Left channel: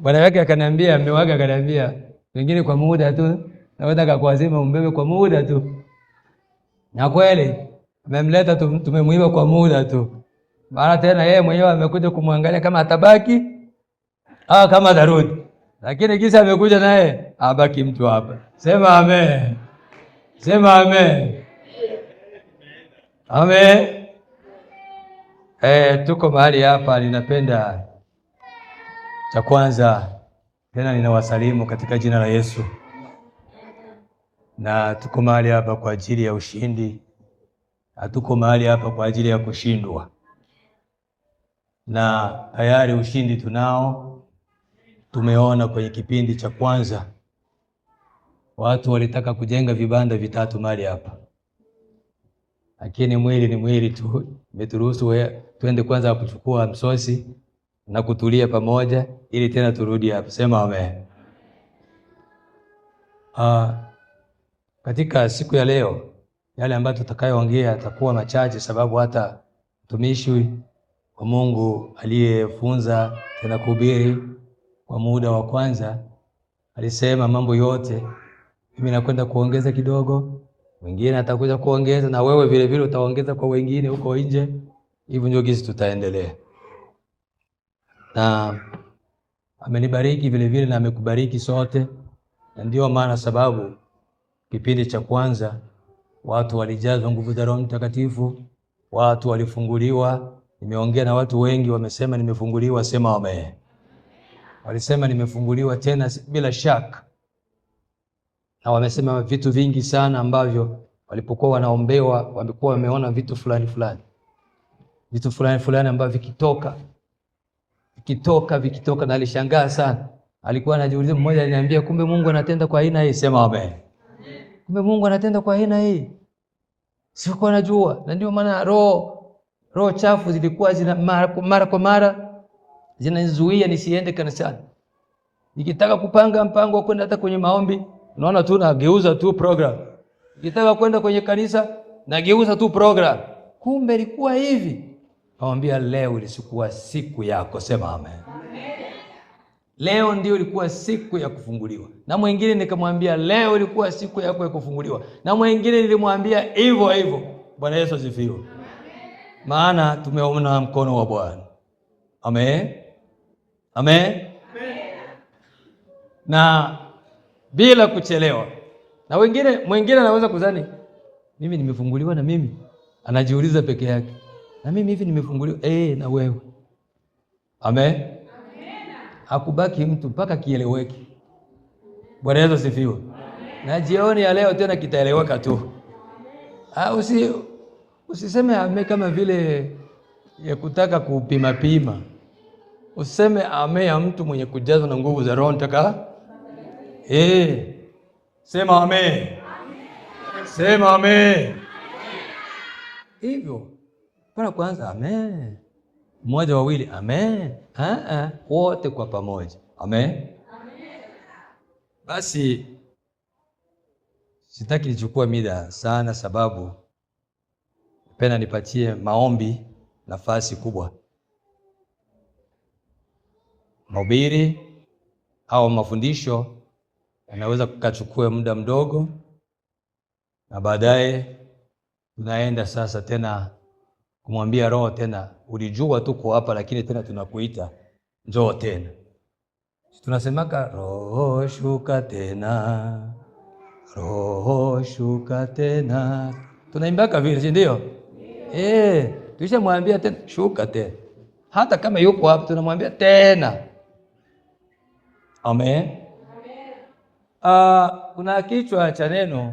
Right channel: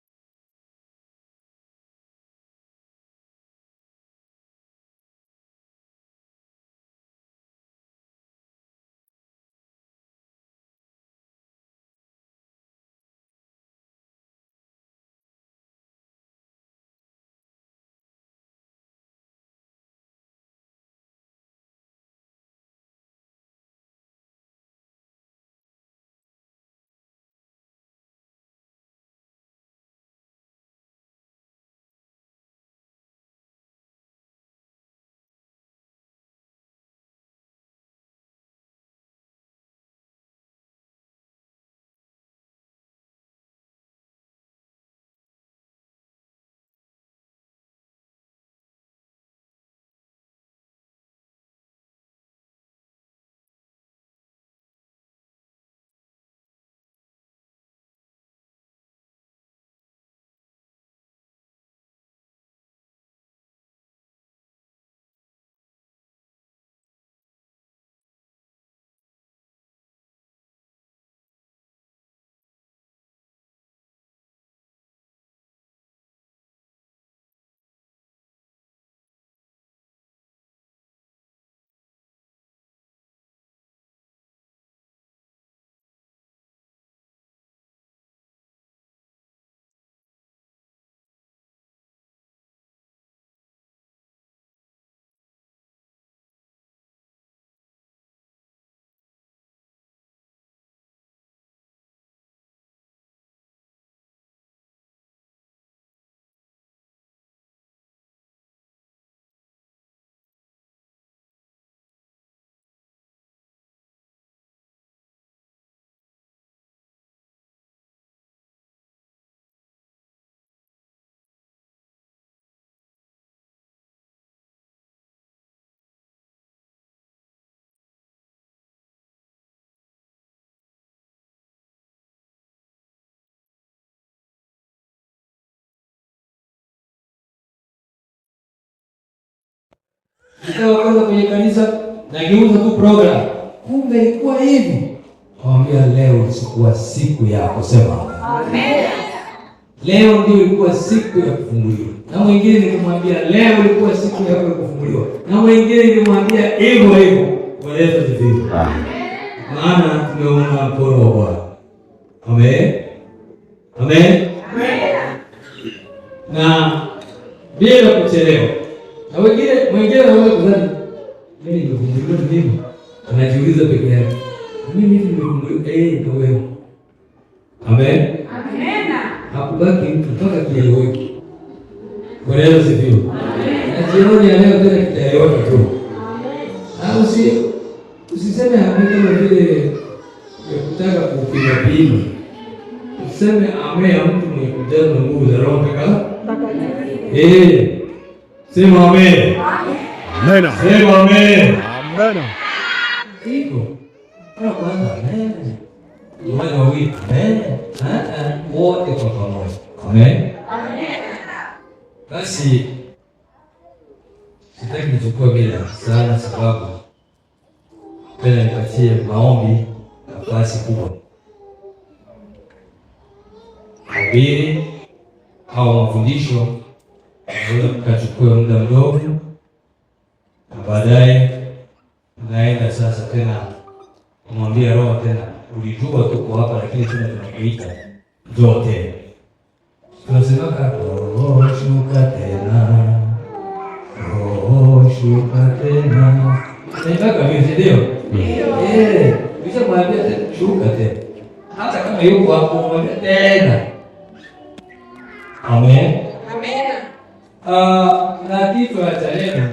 Bwana wake akaniambia, mume wake akaniambia, wengine kwa muda tu naweza kukuazima umbebe kwa muda tu. Na kweli amemleta tumemuiba kwa muda tu. Mara tena yeye mwenyewe amekuja kumwangalia kama atabaki au kama atarudi. Lakini kisa amekuja naye abaki mtu hapa. Sema amen. Sema amen. Amen. Tuko mahali hapa, ninapenda cha kwanza tena ninawasalimu katika jina la Yesu. Na tuko mahali hapa kwa ajili ya ushindi. Hatuko mahali hapa kwa ajili ya kushindwa. Na tayari ushindi tunao. Tumeona kwenye kipindi cha kwanza watu walitaka kujenga vibanda vitatu mahali hapa, lakini mwili ni mwili tu. Umeturuhusu twende kwanza kuchukua msosi na kutulia pamoja ili tena turudi hapa. Sema amen. Katika siku ya leo yale ambayo tutakayoongea atakuwa machache, sababu hata mtumishi wa Mungu aliyefunza tena kuhubiri kwa muda wa kwanza alisema mambo yote. Mimi nakwenda kuongeza kidogo, mwingine atakuja kuongeza, na wewe vile vile utaongeza kwa wengine huko nje. Hivyo ndio gisi tutaendelea. Na amenibariki vile vile na amekubariki sote, na ndio maana sababu kipindi cha kwanza watu walijazwa nguvu za Roho Mtakatifu, watu walifunguliwa. Nimeongea na watu wengi wamesema nimefunguliwa. Sema amen. Walisema nimefunguliwa tena bila shaka. Na wamesema vitu vingi sana ambavyo walipokuwa wanaombewa wamekuwa wameona vitu fulani fulani. Vitu fulani fulani ambavyo vikitoka na alishangaa sana. Alikuwa anajiuliza, mmoja aliniambia kumbe Mungu anatenda kwa aina hii. Sema amen. Kumbe Mungu anatenda kwa aina hii. Sikuwa najua. Na ndio maana roho chafu zilikuwa mara kwa mara zinanizuia nisiende kanisani. Nikitaka kupanga mpango wa kwenda hata kwenye maombi, unaona tu nageuza tu program. Nikitaka kwenda kwenye kanisa nageuza tu program. Kumbe ilikuwa hivi. Naambia leo ilikuwa siku yako. Sema amen. Leo ndio ilikuwa siku ya kufunguliwa. Na mwingine nikamwambia leo ilikuwa siku yako ya kufunguliwa. Na mwingine nilimwambia hivyo hivyo. Bwana Yesu asifiwe. Amen. Maana tumeona mkono wa Bwana. Amen. Amen. Na bila kuchelewa. Na mwingine anaweza kudhani mimi nimefunguliwa na mimi. Anajiuliza peke yake. Na mimi hivi nimefunguliwa na wewe. Amen. Amen. Hakubaki mtu mpaka kieleweke. Bwana Yesu asifiwe. Amen. Na jioni ya leo tena kitaeleweka tu. Usiseme amen kama vile ya kutaka kupima. Useme amen ya mtu mwenye kujazwa na nguvu za Roho Mtakatifu. Sema amen. Amen. Sema amen. Amen. Hivyo. Para kwanza amen. Mmoja wawili amen. Wote kwa pamoja. Amen. Amen. Basi sitaki nichukue bila sana, sababu penda nipatie maombi nafasi kubwa. Mahubiri au mafundisho yanaweza kuchukua muda mdogo, na baadaye tunaenda sasa tena kumwambia Roho tena, ulijua tuko hapa lakini tena tunakuita njoo tena. Tunasemaka Roho shuka tena, Roho shuka tena. Unaitaka mimi ndio? Kisha mwambie tena shuka tena. Hata kama yuko hapo mwambie tena. Amen. Amen. Na kichwa cha neno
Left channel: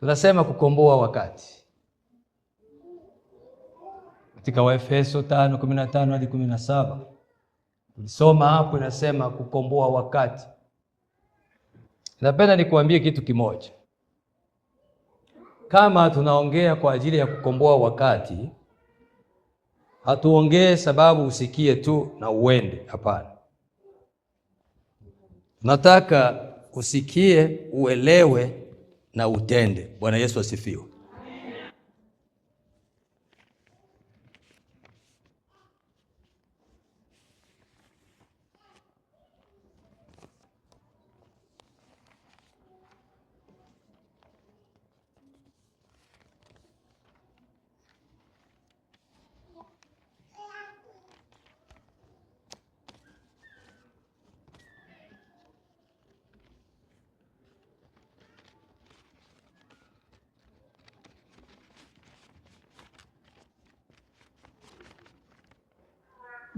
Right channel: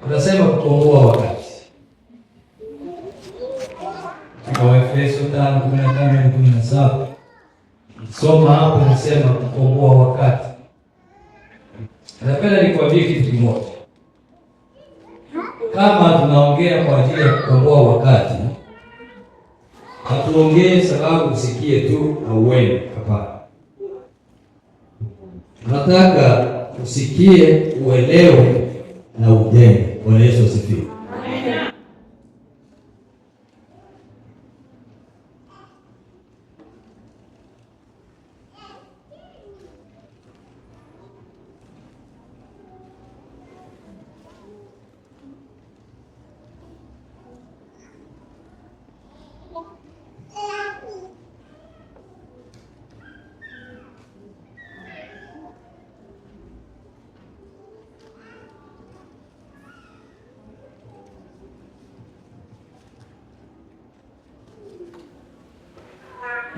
tunasema kukomboa wakati. Katika Waefeso 5:15-17 soma hapo, nasema kukomboa wakati. Napenda nikuambie kitu kimoja. Kama tunaongea kwa ajili ya kukomboa wakati, hatuongee sababu usikie tu na uende. Hapana. Nataka usikie, uelewe na utende. Bwana Yesu asifiwe. Amen.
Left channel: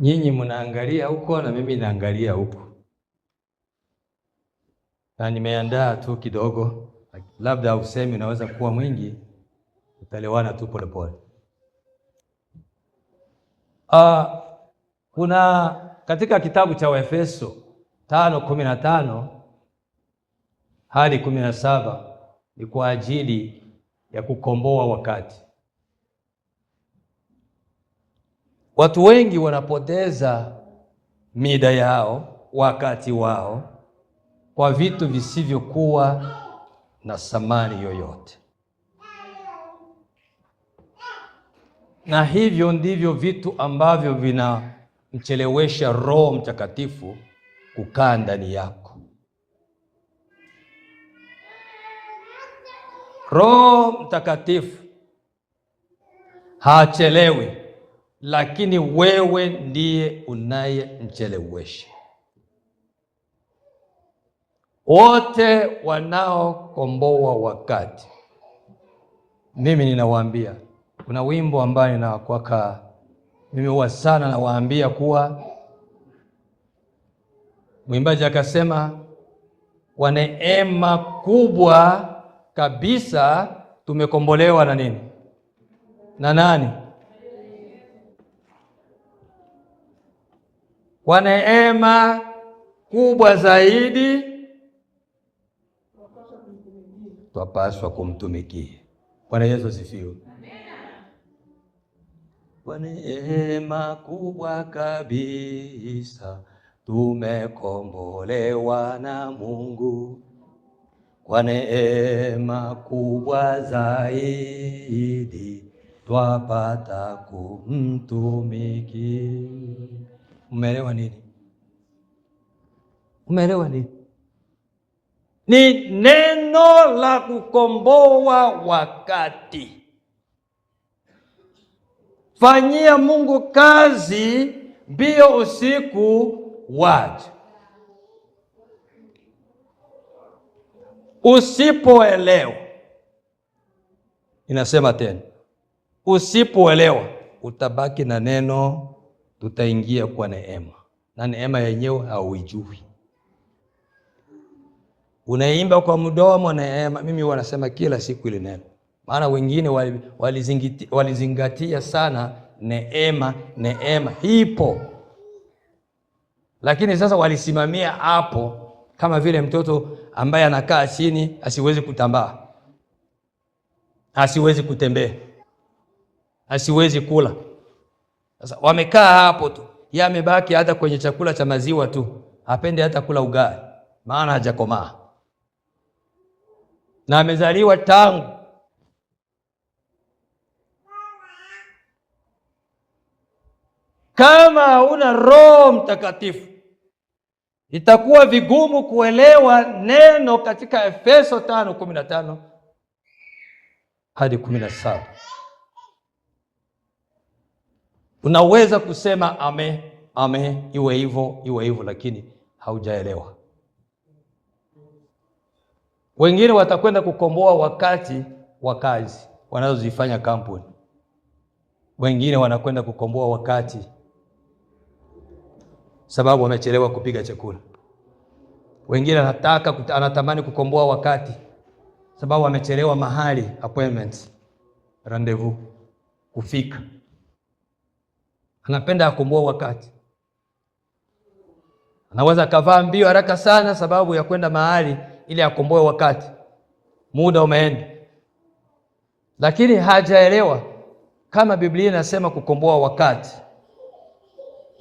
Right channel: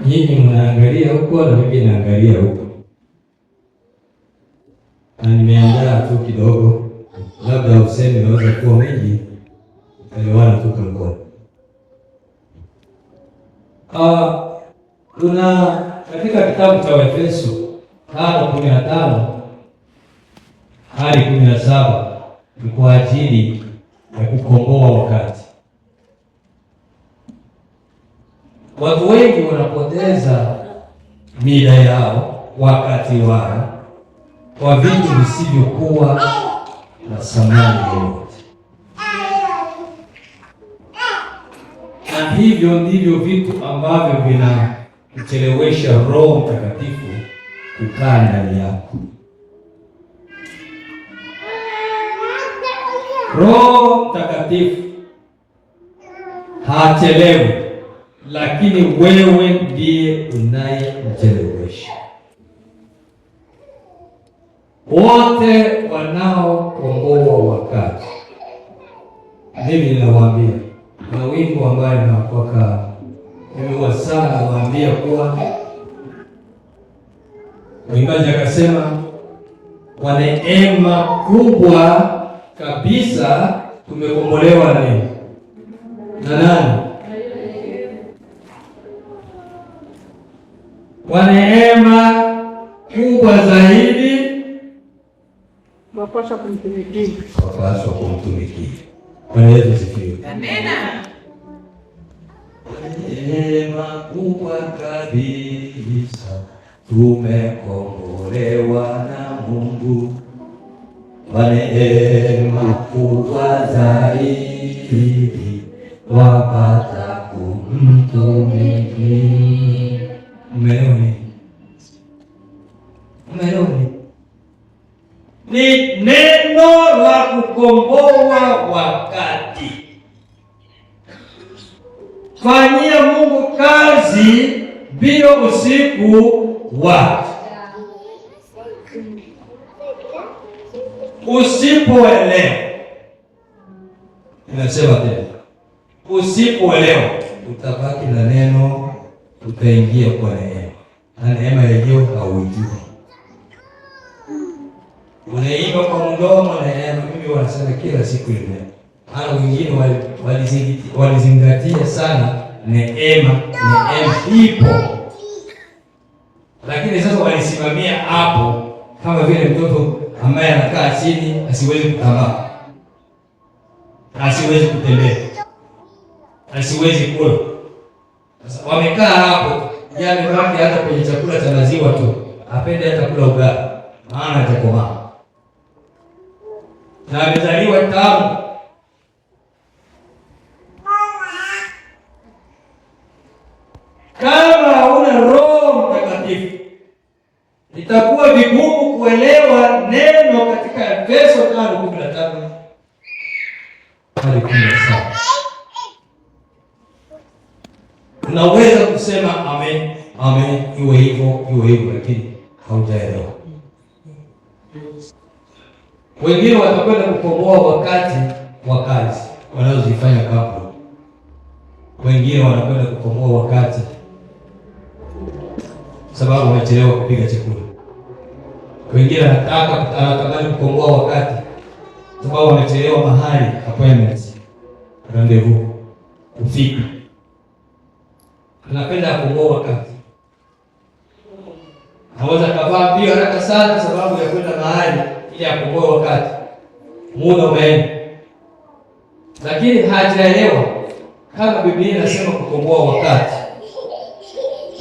nyinyi mnaangalia huko na mimi naangalia huko, na nimeandaa tu kidogo, labda usemi naweza kuwa mwingi, elewana tu kwa pole. Kuna katika kitabu cha Waefeso 5:15 hadi 17 ni kwa ajili ya kukomboa wakati. Watu wengi wanapoteza mida yao, wakati wao, kwa vitu visivyokuwa na thamani yoyote, na hivyo ndivyo vitu ambavyo vinamchelewesha Roho Mtakatifu kukaa ndani yako. Roho Mtakatifu hachelewi, lakini wewe ndiye unayemchelewesha. Wote wanaokomboa wakati, mimi ninawaambia, na wimbo ambaye nakwaka nimeua sana, nawaambia kuwa mwimbaji akasema, kwa neema kubwa kabisa tumekombolewa na nini? Na nani? Kwa neema kubwa zaidi wapaswa kumtumikia. Bwana Yesu asifiwe. Amina. Kwa neema kubwa kabisa tumekombolewa na Mungu, kwa neema kubwa zaidi twapata kumtumikia. Umeelewa nini? Umeelewa nini? Ni neno la kukomboa wakati. Fanyia Mungu kazi bila usiku wake. Usipoelewa, inasema tena, usipoelewa utabaki na neno, utaingia kwa neema, na neema yenyewe haujui. Unaimba kwa mdomo neema. Mimi wanasema kila siku ile neema, maana wengine walizingatia sana neema ipo, lakini sasa walisimamia hapo, kama vile mtoto ambaye anakaa chini asiwezi kutambaa, asiwezi kutembea, asiwezi kula. Sasa wamekaa hapo, yamebaki hata kwenye chakula cha maziwa tu, apende hata kula ugali, maana atakomaa na amezaliwa tamu. Kama huna Roho Mtakatifu, itakuwa vigumu kuelewa neno katika Efeso 5:15 hadi 17. Unaweza kusema amen, amen, iwe hivyo, lakini haujaelewa. Wengine watakwenda kukomboa wakati wa kazi wanazozifanya kampuni. Wengine wanakwenda kukomboa wakati sababu wamechelewa kupiga chakula. Wengine anatamani kukomboa wakati sababu wamechelewa mahali, appointments, rendezvous, kufika. Anapenda kukomboa wakati. Anaweza kavaa mbio haraka sana sababu ya kwenda mahali ili akomboe wakati. Muda umeenda. Lakini hajaelewa kama Biblia inasema kukomboa wakati,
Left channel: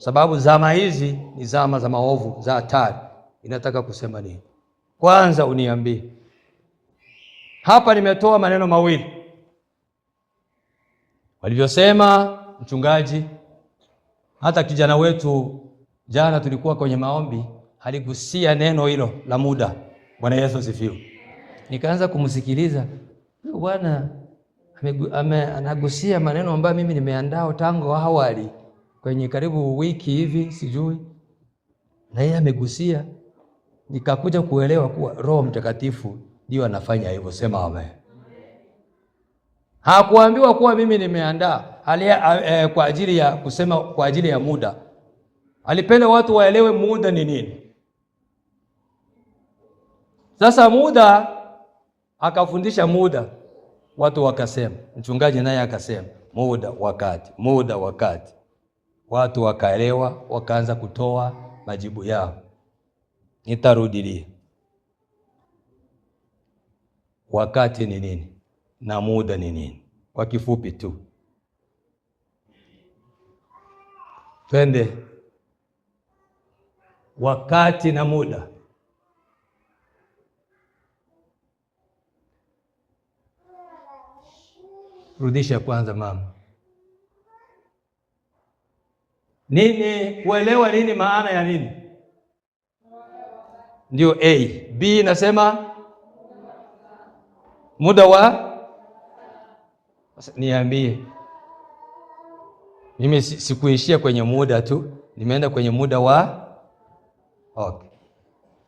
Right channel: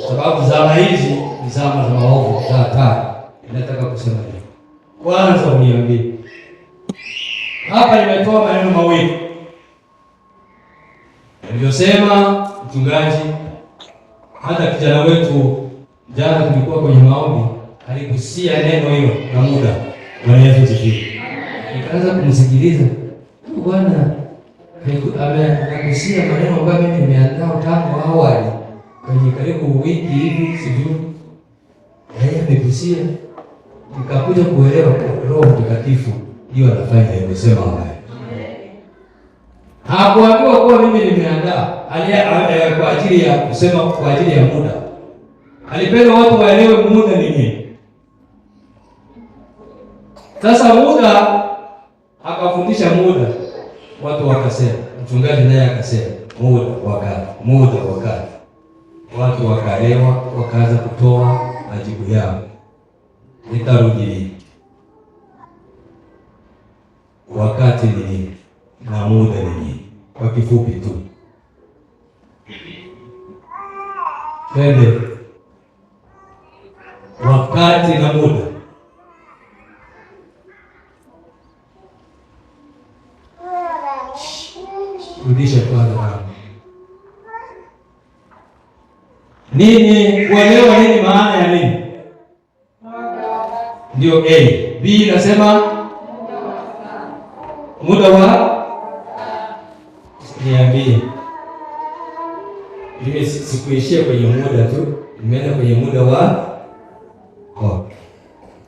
sababu zama hizi ni zama za maovu, za hatari. Inataka kusema nini? Kwanza uniambie. Hapa nimetoa maneno mawili alivyosema mchungaji. Hata kijana wetu jana tulikuwa kwenye maombi, aligusia neno hilo la muda. Bwana Yesu asifiwe. Nikaanza kumsikiliza. Bwana amegusia maneno ambayo mimi nimeandaa tangu awali kwenye karibu wiki hivi, sijui. Yeye amegusia, nikakuja kuelewa Roho Mtakatifu ndio anafanya hivyo. Sema amen. Hakuambiwa kuwa mimi nimeandaa kwa ajili ya kusema kwa ajili ya muda. alipenda watu waelewe muda ni nini. Sasa muda, akafundisha muda, watu wakasema, mchungaji naye akasema muda, wakati, muda, wakati. Watu wakaelewa, wakaanza kutoa majibu yao. Nitarudi lini? Wakati ni nini? Na muda ni nini? Kwa kifupi tu, twende. Wakati na muda. Rudisha kwanza mama. Nini? Uelewa nini maana ya nini? Ndio A. B nasema muda wa, niambie. Mimi sikuishia kwenye muda tu, nimeenda kwenye muda wa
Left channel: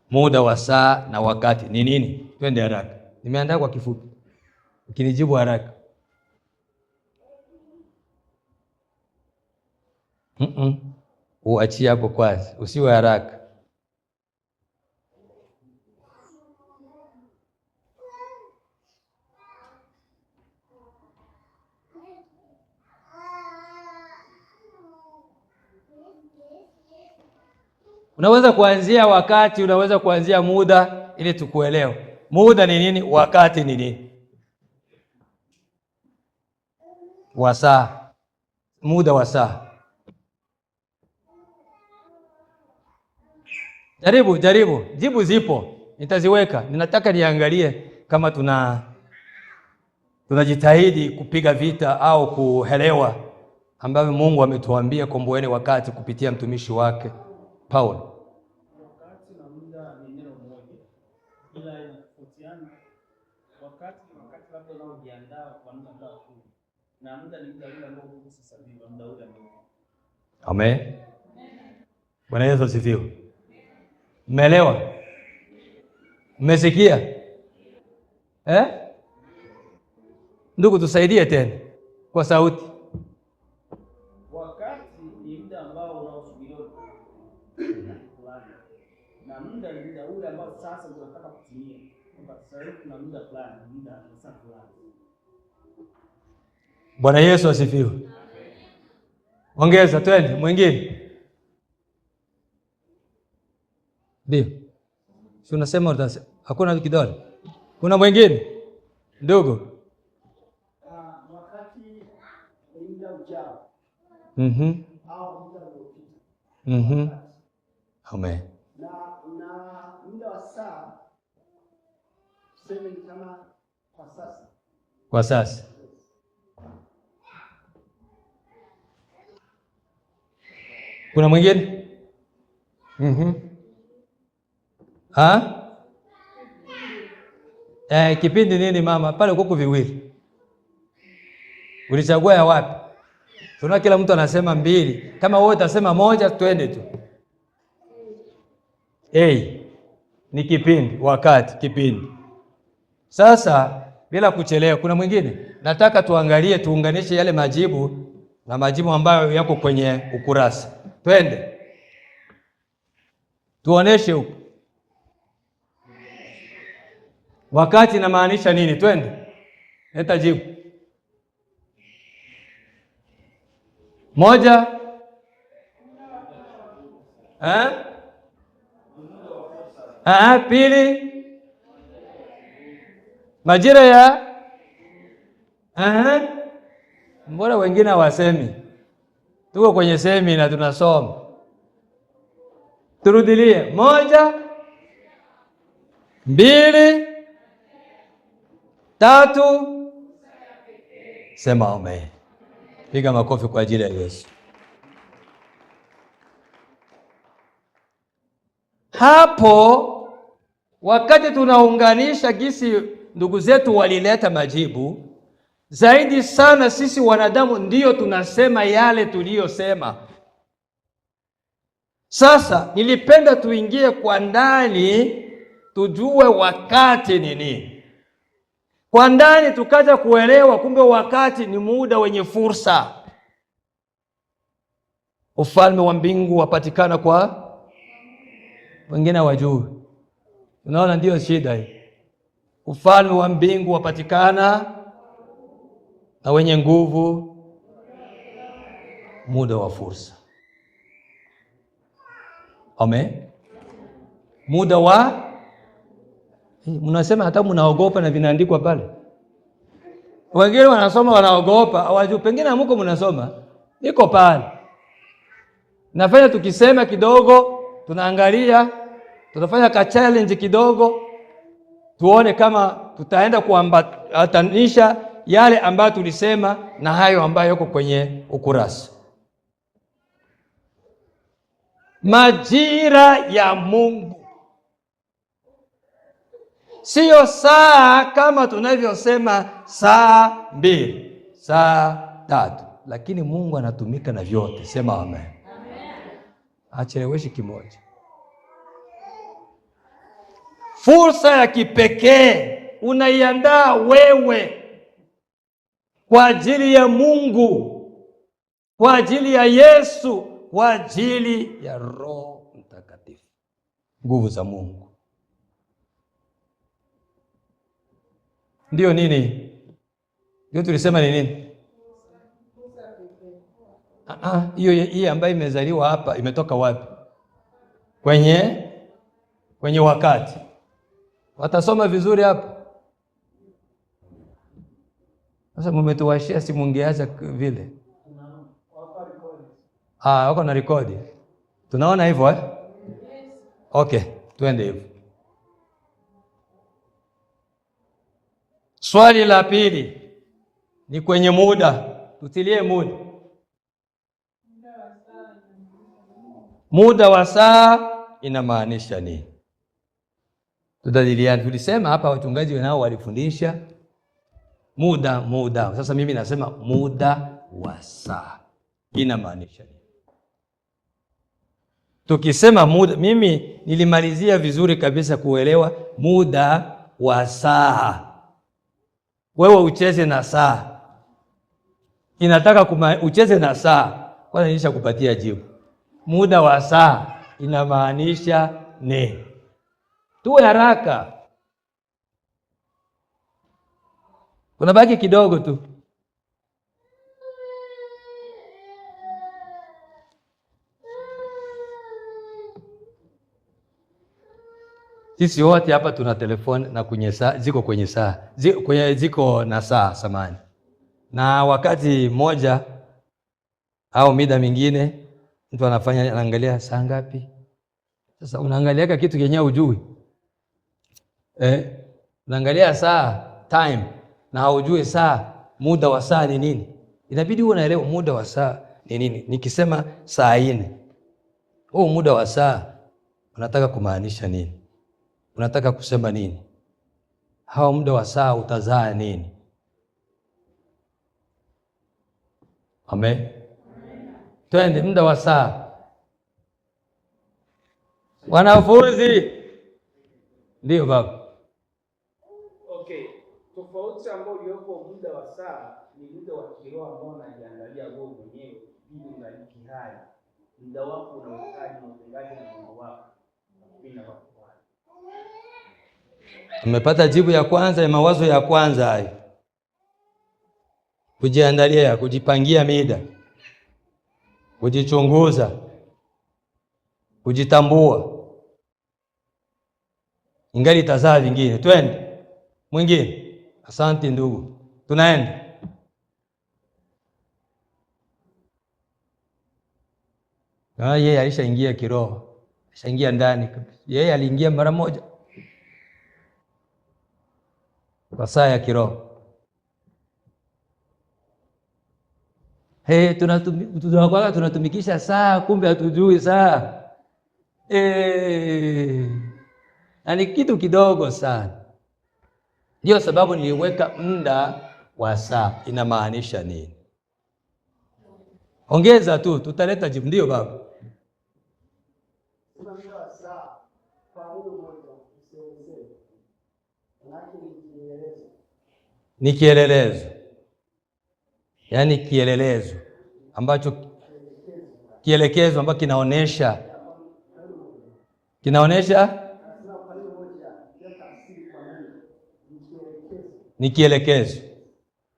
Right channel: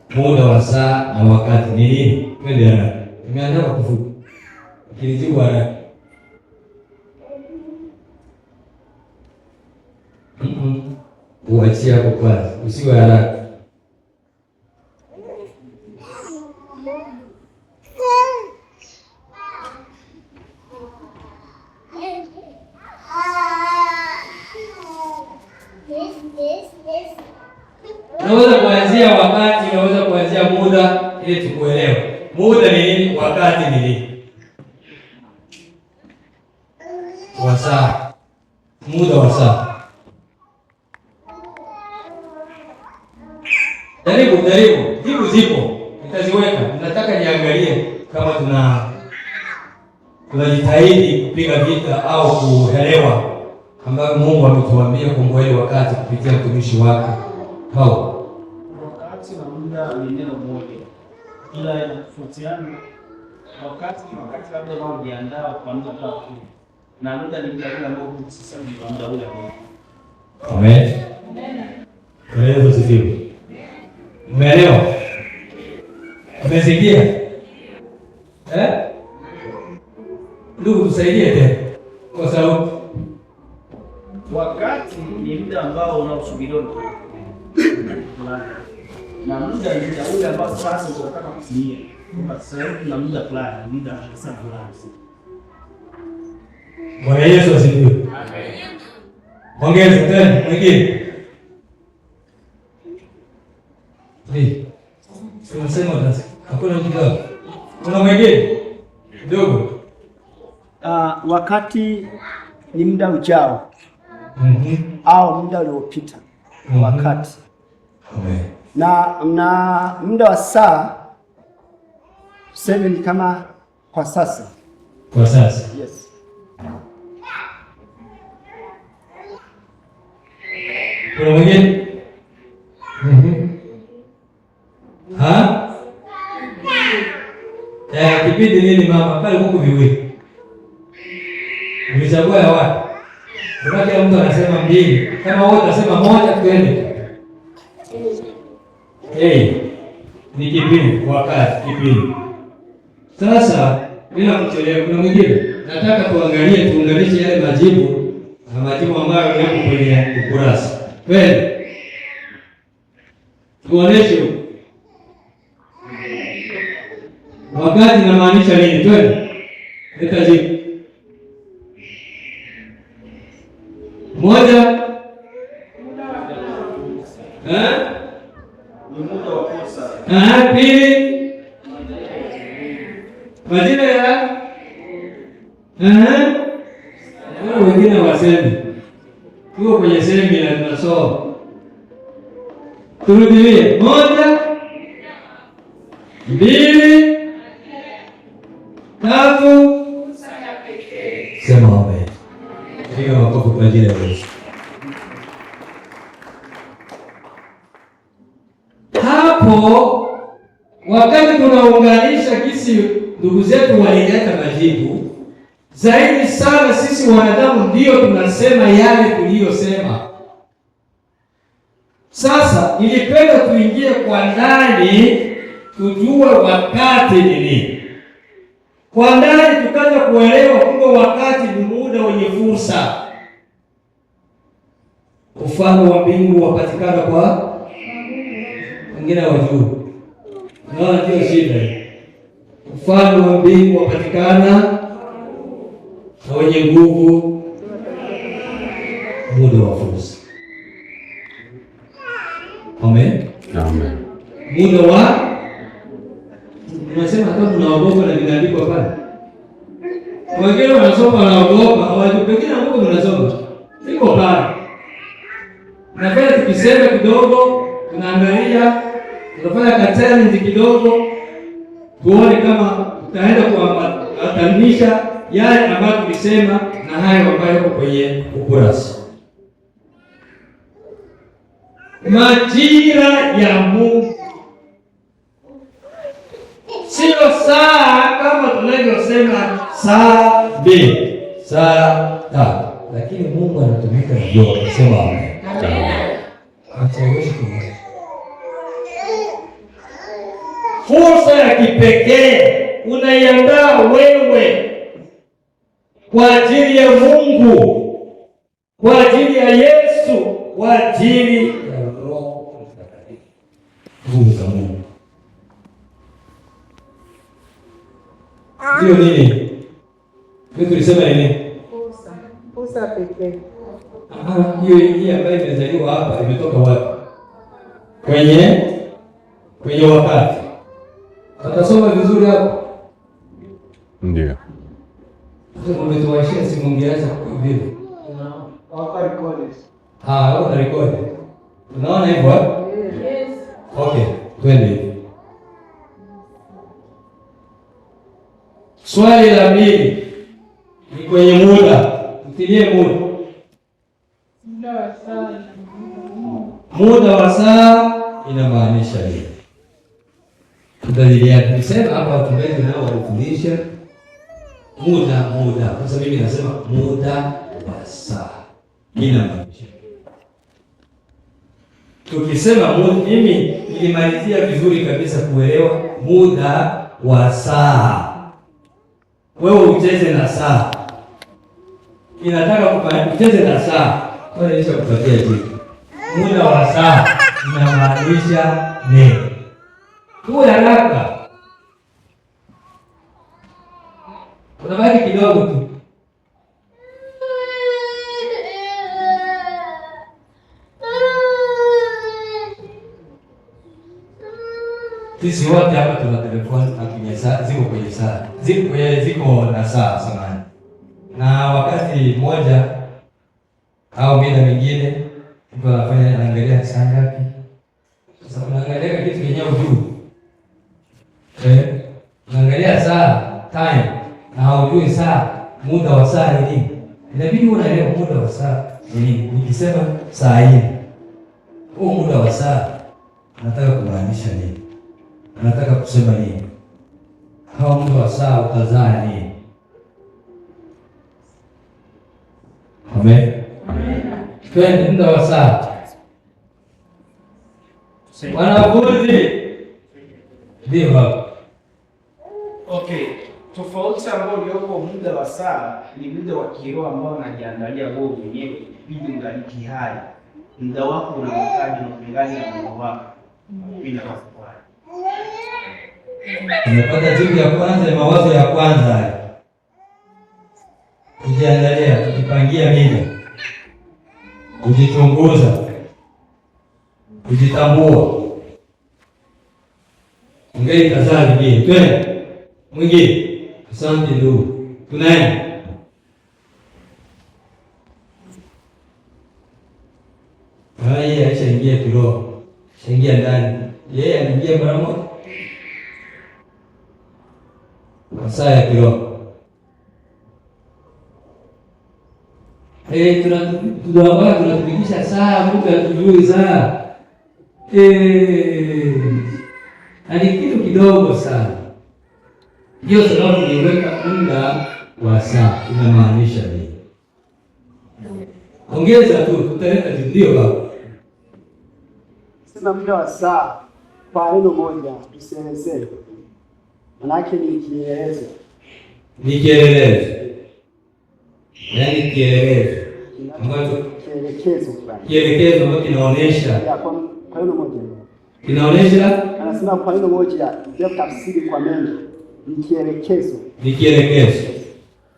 muda wa saa na wakati ni nini? Twende haraka. Nimeandaa kwa kifupi. Ukinijibu haraka. Uachie hapo kwanza, usiwe haraka. Unaweza kuanzia wakati, unaweza kuanzia muda ili tukuelewe. Muda ni nini? Wakati ni nini? Wasaa. Muda wa saa. Jaribu. Jibu zipo. Nitaziweka. Nataka niangalie kama tunajitahidi kupiga vita au kuelewa ambayo Mungu ametuambia kumwelewa wakati kupitia mtumishi wake Paulo. Wakati na muda ni neno moja, ila inatofautiana. Wakati labda wao hujiandaa kwa muda fulani, na muda ni muda ule ambao sasa ni muda ule. Amen. Bwana Yesu asifiwe. Umeelewa? Umesikia? Ndugu tusaidie tena kwa sauti. Wakati ni muda ambao unaosubiriwa na muda ni muda ule ambao sasa unataka kutimia. Kwa sababu na muda fulani, muda sana fulani. Bwana Yesu asifiwe. Amen. Ongeza tena mwingine. Ni. Tunasema ndio. Hakuna kidogo. Kuna mwingine? Ndugu. Wakati ni muda ujao. Au muda uliopita. Wakati. Amen. Na muda wa saa tuseme ni kama kwa sasa. Kwa sasa. Yes. Kuna mwingine? Kipindi nini mama? Pale huko viwili. Ulichagua ya wapi? Kwa kila mtu anasema mbili. Kama wote anasema moja, twende. Ni kipindi, wakati, kipindi. Sasa bila kuchelewa, kuna mwingine? Nataka tuunganishe yale majibu na majibu ambayo yako kwenye ukurasa. Twende. Tuoneshe wakati na maanisha nini? Twende. Leta jibu. Moja. Pili. Majira ya mbona wengine hawasemi? Tuko kwenye semina tunasoma. Turudie. Moja, mbili, tatu. Sema amen. Piga makofi kwa ajili ya Yesu. Hapo wakati tunaunganisha jinsi ndugu zetu walileta majibu, zaidi sana sisi wanadamu ndio tunasema yale tuliyosema. Sasa nilipenda tuingie kwa ndani tujue wakati ni nini. Kwa ndani tukaanza kuelewa kumbe wakati ni muda wenye fursa. ufalme wa mbingu wapatikana kwa wengine wajui. Unaona, ndio shida hii. Ufalme wa mbingu wapatikana na wenye nguvu muda wa fursa. Amen. Amen. Muda wa unasema hata mnaogopa na vinaandikwa pale. Wengine wanasoma wanaogopa, hawajui pengine Mungu mnasoma. Niko pale. Nafanya tukisema kidogo, tunaangalia, tunafanya ka challenge kidogo, tuone kama tutaenda kuambatanisha yale ambayo tulisema na hayo ambayo yako kwenye ukurasa. Majira ya Mungu sio saa kama tunavyosema saa 2, saa 3, lakini Mungu anatumika na yote. Sema amen. Acheleweshi tu. Fursa ya kipekee unaiandaa wewe kwa ajili ya Mungu, kwa ajili ya Yesu, kwa ajili ya Roho Mtakatifu. Nguvu za Mungu. Ndio nini? Ndio tulisema nini? Fursa pekee. Hiyo ambayo imezaliwa hapa imetoka wapi? Kwenye wakati. Atasoma vizuri hapo. Ndio. Sasa mmetuwashia, si mungeacha vile. Waka record. Wako na record. Tunaona hivyo eh? Yes. Okay, twende. Swali la pili ni kwenye muda. Utilie muda. Muda wa saa inamaanisha nini? Tutadilia. Nisema hapa wachungaji nao walifundisha muda. Sasa mimi nasema muda wa saa inamaanisha. Tukisema muda, mimi nilimalizia vizuri kabisa kuelewa muda wa saa. Wewe ucheze na saa. Inataka ucheze na saa. Kwanza nishakupatia jibu. Muda wa saa inamaanisha nini? Tuwe haraka. Tunabaki kidogo tu. Sisi wote hapa tuna telefoni na kwenye saa, ziko kwenye saa. Ziko na saa samani. Na wakati mmoja au mida mingine mtu anafanya angalia saa ngapi? Sasa unaangalia kitu kenyewe ujui. Unaangalia saa time na haujui saa, muda wa saa ni nini? Inabidi unaelewa muda wa saa ni nini. Nikisema saa hii, muda wa saa unataka kumaanisha nini? Unataka kusema nini? Hawa muda wa saa utazaa nini? Amen. Amen. Muda wa saa. Wanafunzi. Ndio baba. Okay. Tofauti ambayo uliopo muda wa saa ni muda wa kiroho ambao unajiandalia wewe mwenyewe ili ungaliki hai. Muda wako unahitaji kulingana na Mungu wako. Bila kufanya. Umepata jibu ya kwanza, mawazo ya kwanza haya. Kujiandalia, kujipangia mida. Kujichunguza. Kujitambua. Ingali tazaa lingine. Twende. Mwingine. Asante ndugu. Tunaenda. Yeye alishaingia kiroho. Shaingia ndani. Yeye aliingia mara moja. Masaa ya kiroho. Tunatumikisha saa, kumbe hatujui saa. Na ni kitu kidogo sana. Ndio sababu niweka muda wa saa inamaanisha nini? Ongeza tu, tutaleta jibu hapo. Sema muda wa saa kwa neno moja tusielezee. Manake ni kielelezo. Ni kielelezo. Yaani kielelezo ambacho kielekezo fulani. Kielekezo ambacho kinaonesha. Kwa neno moja. Kinaonesha? Anasema kwa neno moja, ndio tafsiri kwa mengi. Ni kielekezo. Ni kielekezo.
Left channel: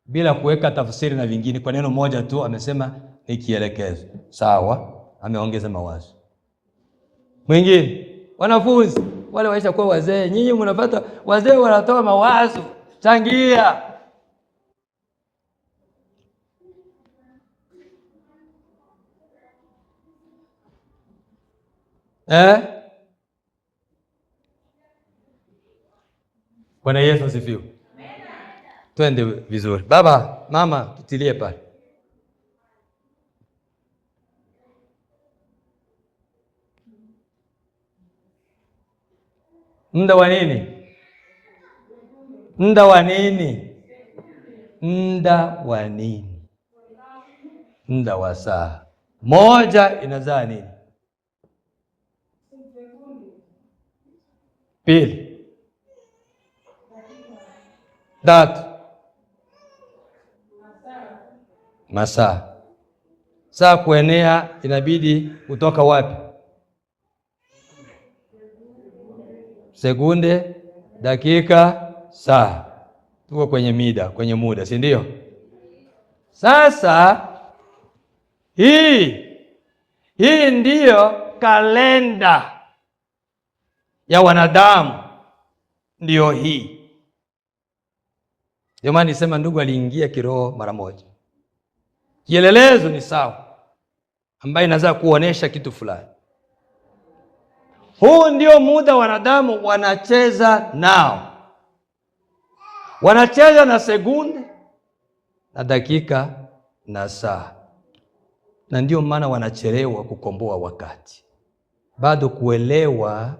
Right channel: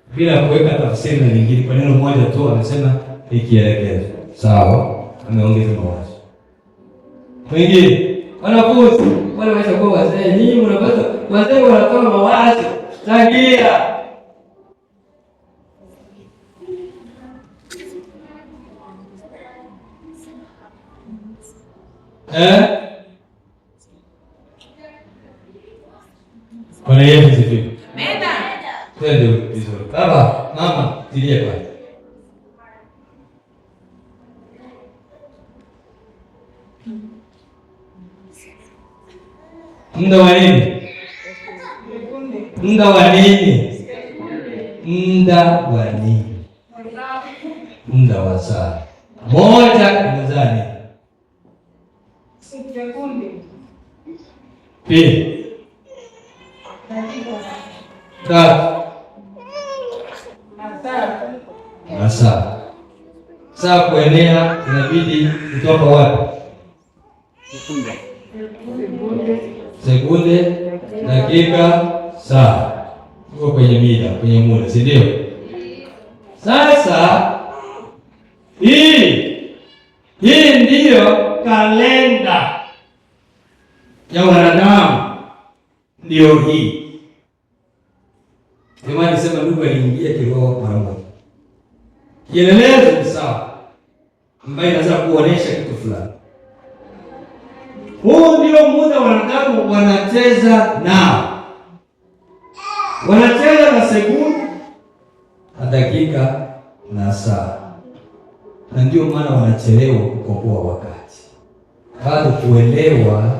Bila kuweka tafsiri na nyingine, kwa neno moja tu anasema ni kielekezo. Sawa? Ameongeza mawazo. Mwingine, wanafunzi, wale wacha kwa wazee, nyinyi mnapata wazee wanatoa mawazo, changia. Bwana Yesu asifiwe. Amen. Twende vizuri. Baba, mama, tilie pale. Muda wa nini? Muda wa nini? Muda wa nini? Muda wa saa moja mezani. Pili. Tatu. Masaa. Saa kuenea inabidi kutoka wapi? Sekunde, dakika, saa. Tuko kwenye mida, kwenye muda, si ndio? Sasa hii ndiyo kalenda ya wanadamu, ndio hii. Jamani, nisema ndugu aliingia kiroho mara moja. Kielelezo ni sawa, ambayo inaweza kuonesha kitu fulani. Huu ndio muda wanadamu wanacheza nao. Wanacheza na sekunde na dakika na saa. Na ndio maana wanachelewa kukomboa wakati. Bado kuelewa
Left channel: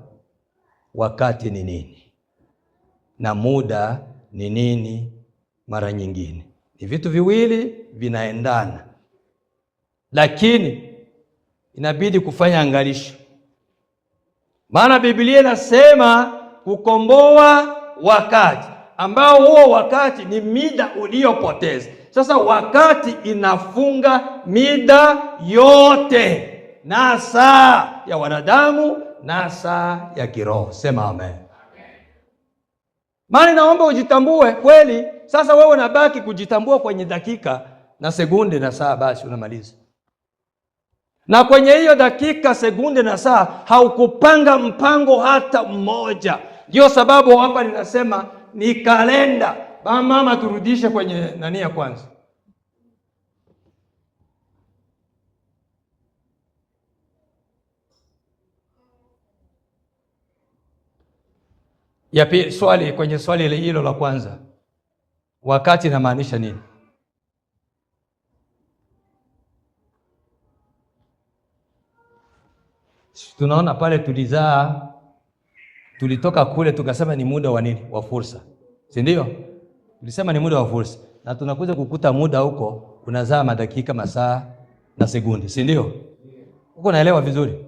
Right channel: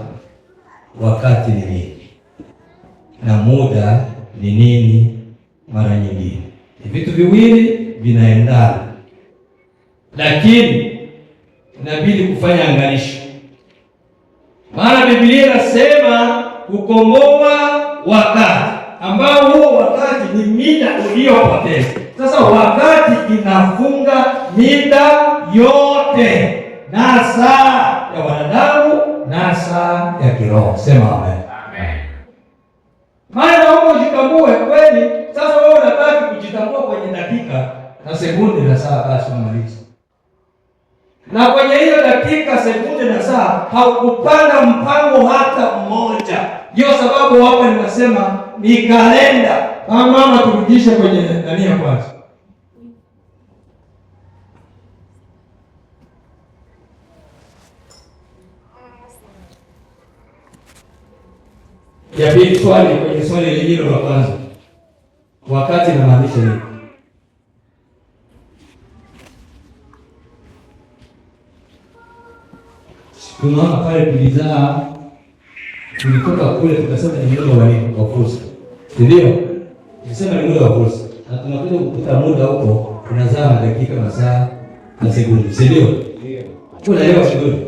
wakati ni nini na muda ni nini. Mara nyingine ni vitu viwili vinaendana, lakini inabidi kufanya angalisho. Maana Biblia inasema kukomboa wakati, ambao huo wakati ni mida uliyopoteza. Sasa wakati inafunga mida yote, na saa ya wanadamu na saa ya kiroho. Sema amen. Maana naomba ujitambue kweli. Sasa wewe unabaki kujitambua kwenye dakika na sekunde na saa, basi unamaliza. Na kwenye hiyo dakika, sekunde na saa haukupanga mpango hata mmoja. Ndio sababu hapa ninasema ni kalenda. Mama, turudishe kwenye nani ya kwanza. Ya pili, swali kwenye swali hilo la kwanza. Wakati inamaanisha nini? Tunaona pale tulitoka kule tukasema ni muda wa fursa. Si ndio? Tukisema ni muda wa fursa. Na tunakuja kukuta muda huko unazaa madakika, masaa na sekunde. Si ndio? Unaelewa vizuri?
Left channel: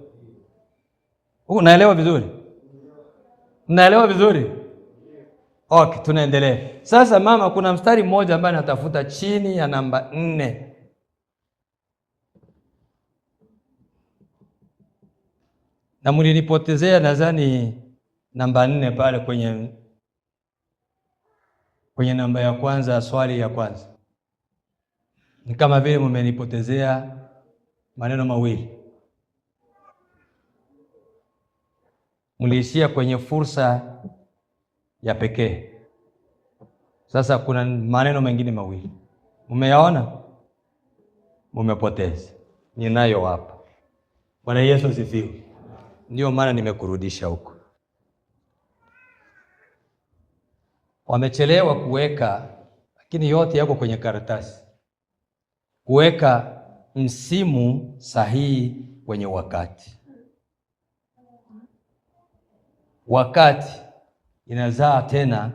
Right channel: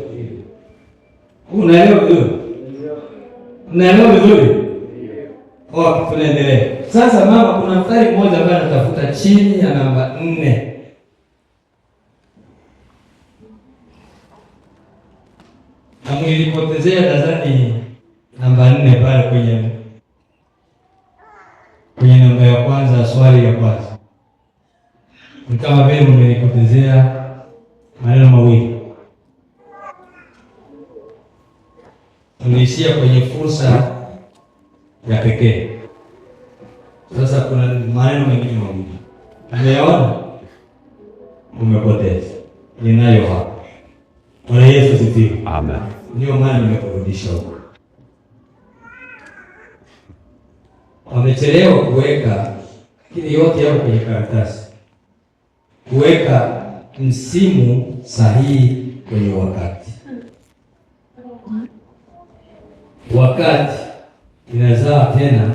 Unaelewa vizuri? Unaelewa vizuri? Okay, tunaendelea. Sasa mama, kuna mstari mmoja ambaye anatafuta chini ya namba 4. Na mlilipotezea darasani namba 4 pale kwenye namba ya kwanza, swali ya kwanza. Ni kama vile mlilipotezea maneno mawili. Mliishia kwenye fursa ya pekee. Sasa kuna maneno mengine mawili. Umeyaona? Umepoteza. Ninayo hapo. Bwana Yesu asifiwe. Amen. Ndio maana nimekurudisha huko. Wamechelewa kuweka, lakini yote yako kwenye karatasi. Kuweka msimu sahihi kwenye wakati. Wakati inazaa tena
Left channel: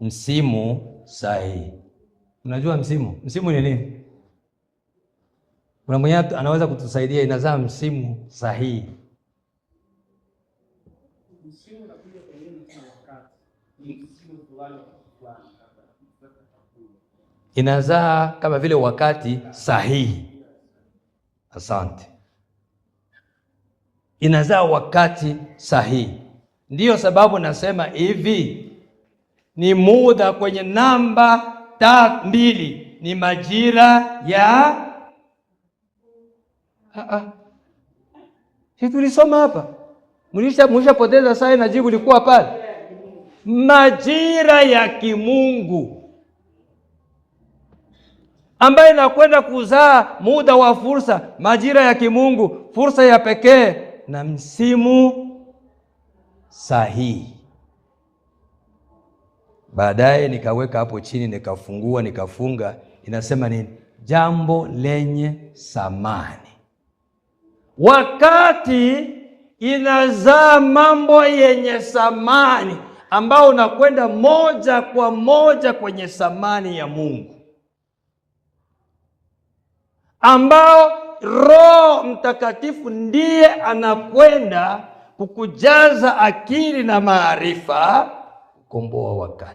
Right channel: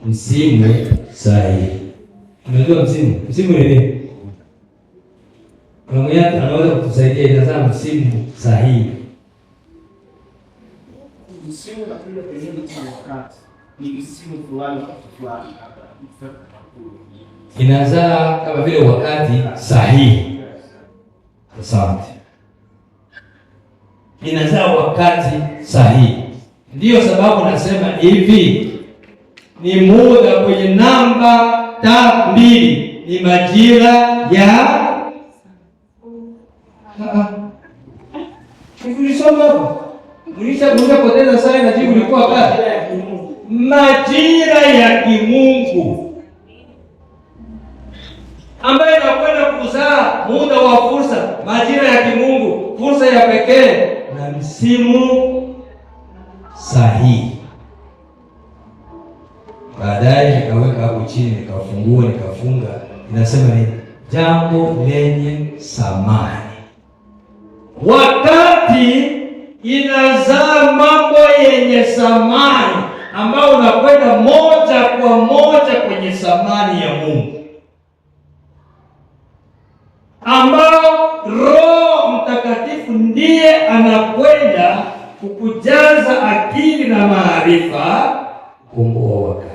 msimu sahihi. Unajua msimu ni nini? Kuna mmoja anaweza kutusaidia, inazaa msimu sahihi. Msimu unakuja kwenye wakati. Ni msimu fulani fulani. Inazaa kama vile wakati sahihi. Asante. Inazaa wakati sahihi. Ndiyo sababu nasema hivi, ni muda kwenye namba 2 ni majira ya tulisoma hapa. Mlishapoteza saa na jibu lilikuwa pale. Majira ya kimungu ambayo inakwenda kuzaa muda wa fursa, majira ya kimungu, fursa ya pekee na msimu sahihi. Baadaye nikaweka hapo chini, nikafungua, nikafunga, inasema ni jambo lenye thamani. Wakati inazaa mambo yenye thamani ambao unakwenda moja kwa moja kwenye thamani ya Mungu, ambao Roho Mtakatifu ndiye anakwenda kukujaza akili na maarifa, kukomboa wakati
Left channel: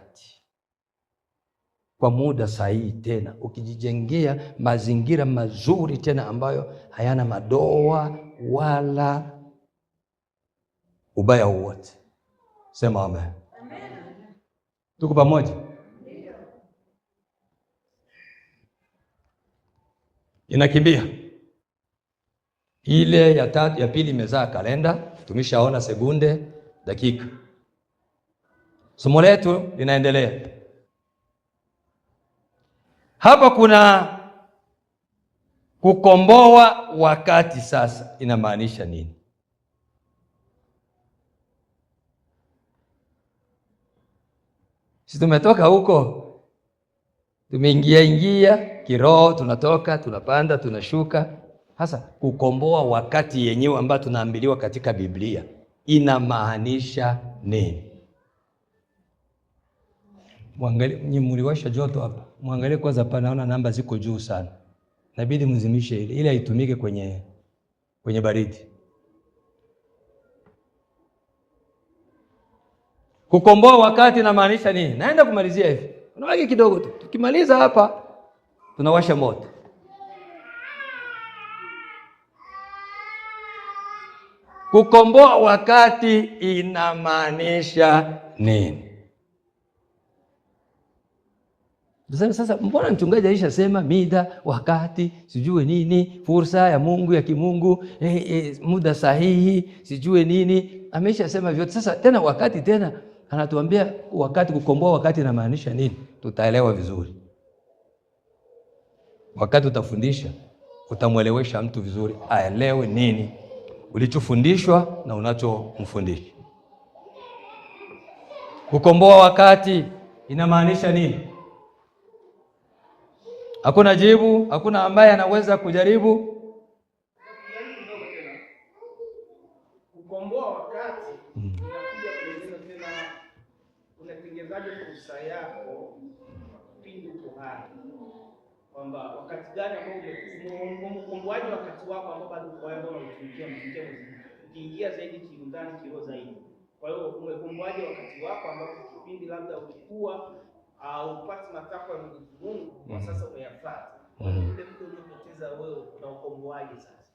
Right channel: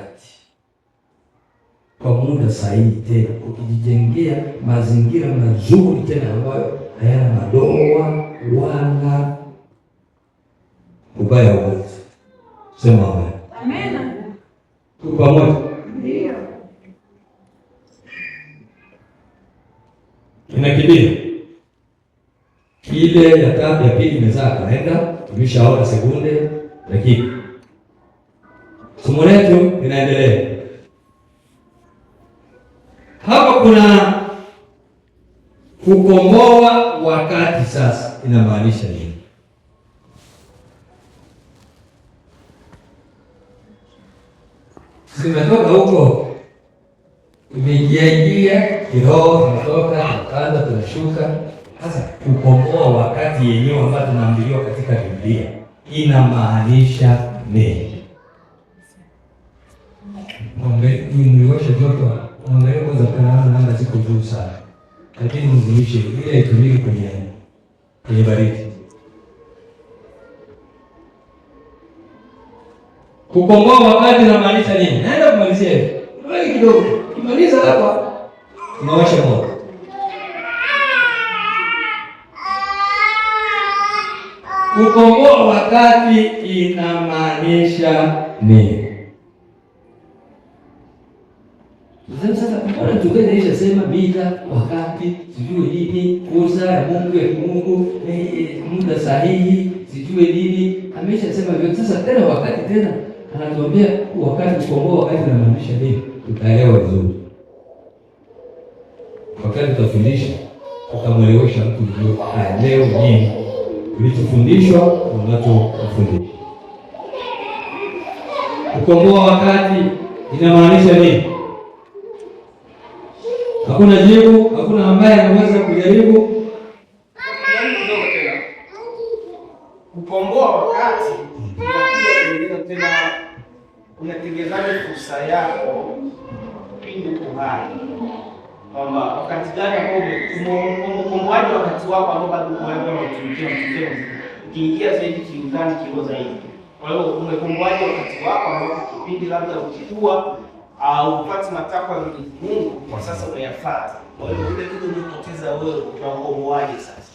kwa muda sahihi, tena ukijijengea mazingira mazuri tena ambayo hayana madoa wala ubaya wowote. Sema amen. Amen. Tuko pamoja? Ndio. Inakimbia ile ya tatu ya pili imezaa kalenda, tumeshaona sekunde, dakika. Somo letu linaendelea. Hapa kuna kukomboa wakati. Sasa inamaanisha nini? Tumetoka huko, tumeingia kiroho, tunatoka tunapanda tunashuka. Sasa kukomboa wakati yenyewe ambayo tunaambiwa katika Biblia inamaanisha nini? Mliwasha joto, mwangalie kwanza, panaona namba ziko juu sana, lakini mzimishe ile itumike kwenye baridi. Kukomboa wakati inamaanisha nini? Naenda kumalizia hivi. Nabaki kidogo. Kimaliza hapa tunawasha moto. Kukomboa wakati inamaanisha nini? Sasa mbona mchungaji alishasema mida, wakati, sijui nini, fursa ya Mungu ya kimungu, muda sahihi, sijui nini, ameshasema hivyo. Sasa tena wakati tena anatuambia wakati, kukomboa wakati inamaanisha nini? Tutaelewa vizuri. Wakati utafundisha, utamwelewesha mtu vizuri, aelewe nini ulichofundishwa na unachofundisha. Kukomboa wakati inamaanisha nini? Hakuna jibu, hakuna ambaye anaweza kujaribu. Kukomboa wakati inakuja tena, unatengenezaje fursa yako pindi uko hai, kwamba wakati gani ambao ukomboaji wakati wako ambao bado unatumikia ukiingia zaidi kiundani kilo zaidi. Kwa hiyo umekomboaje wakati wako ambao kipindi labda ukikua au upate matakwa ya Mungu kwa sasa umeyafuata. Kwa hiyo ile kitu unapoteza wewe unakomboaje sasa?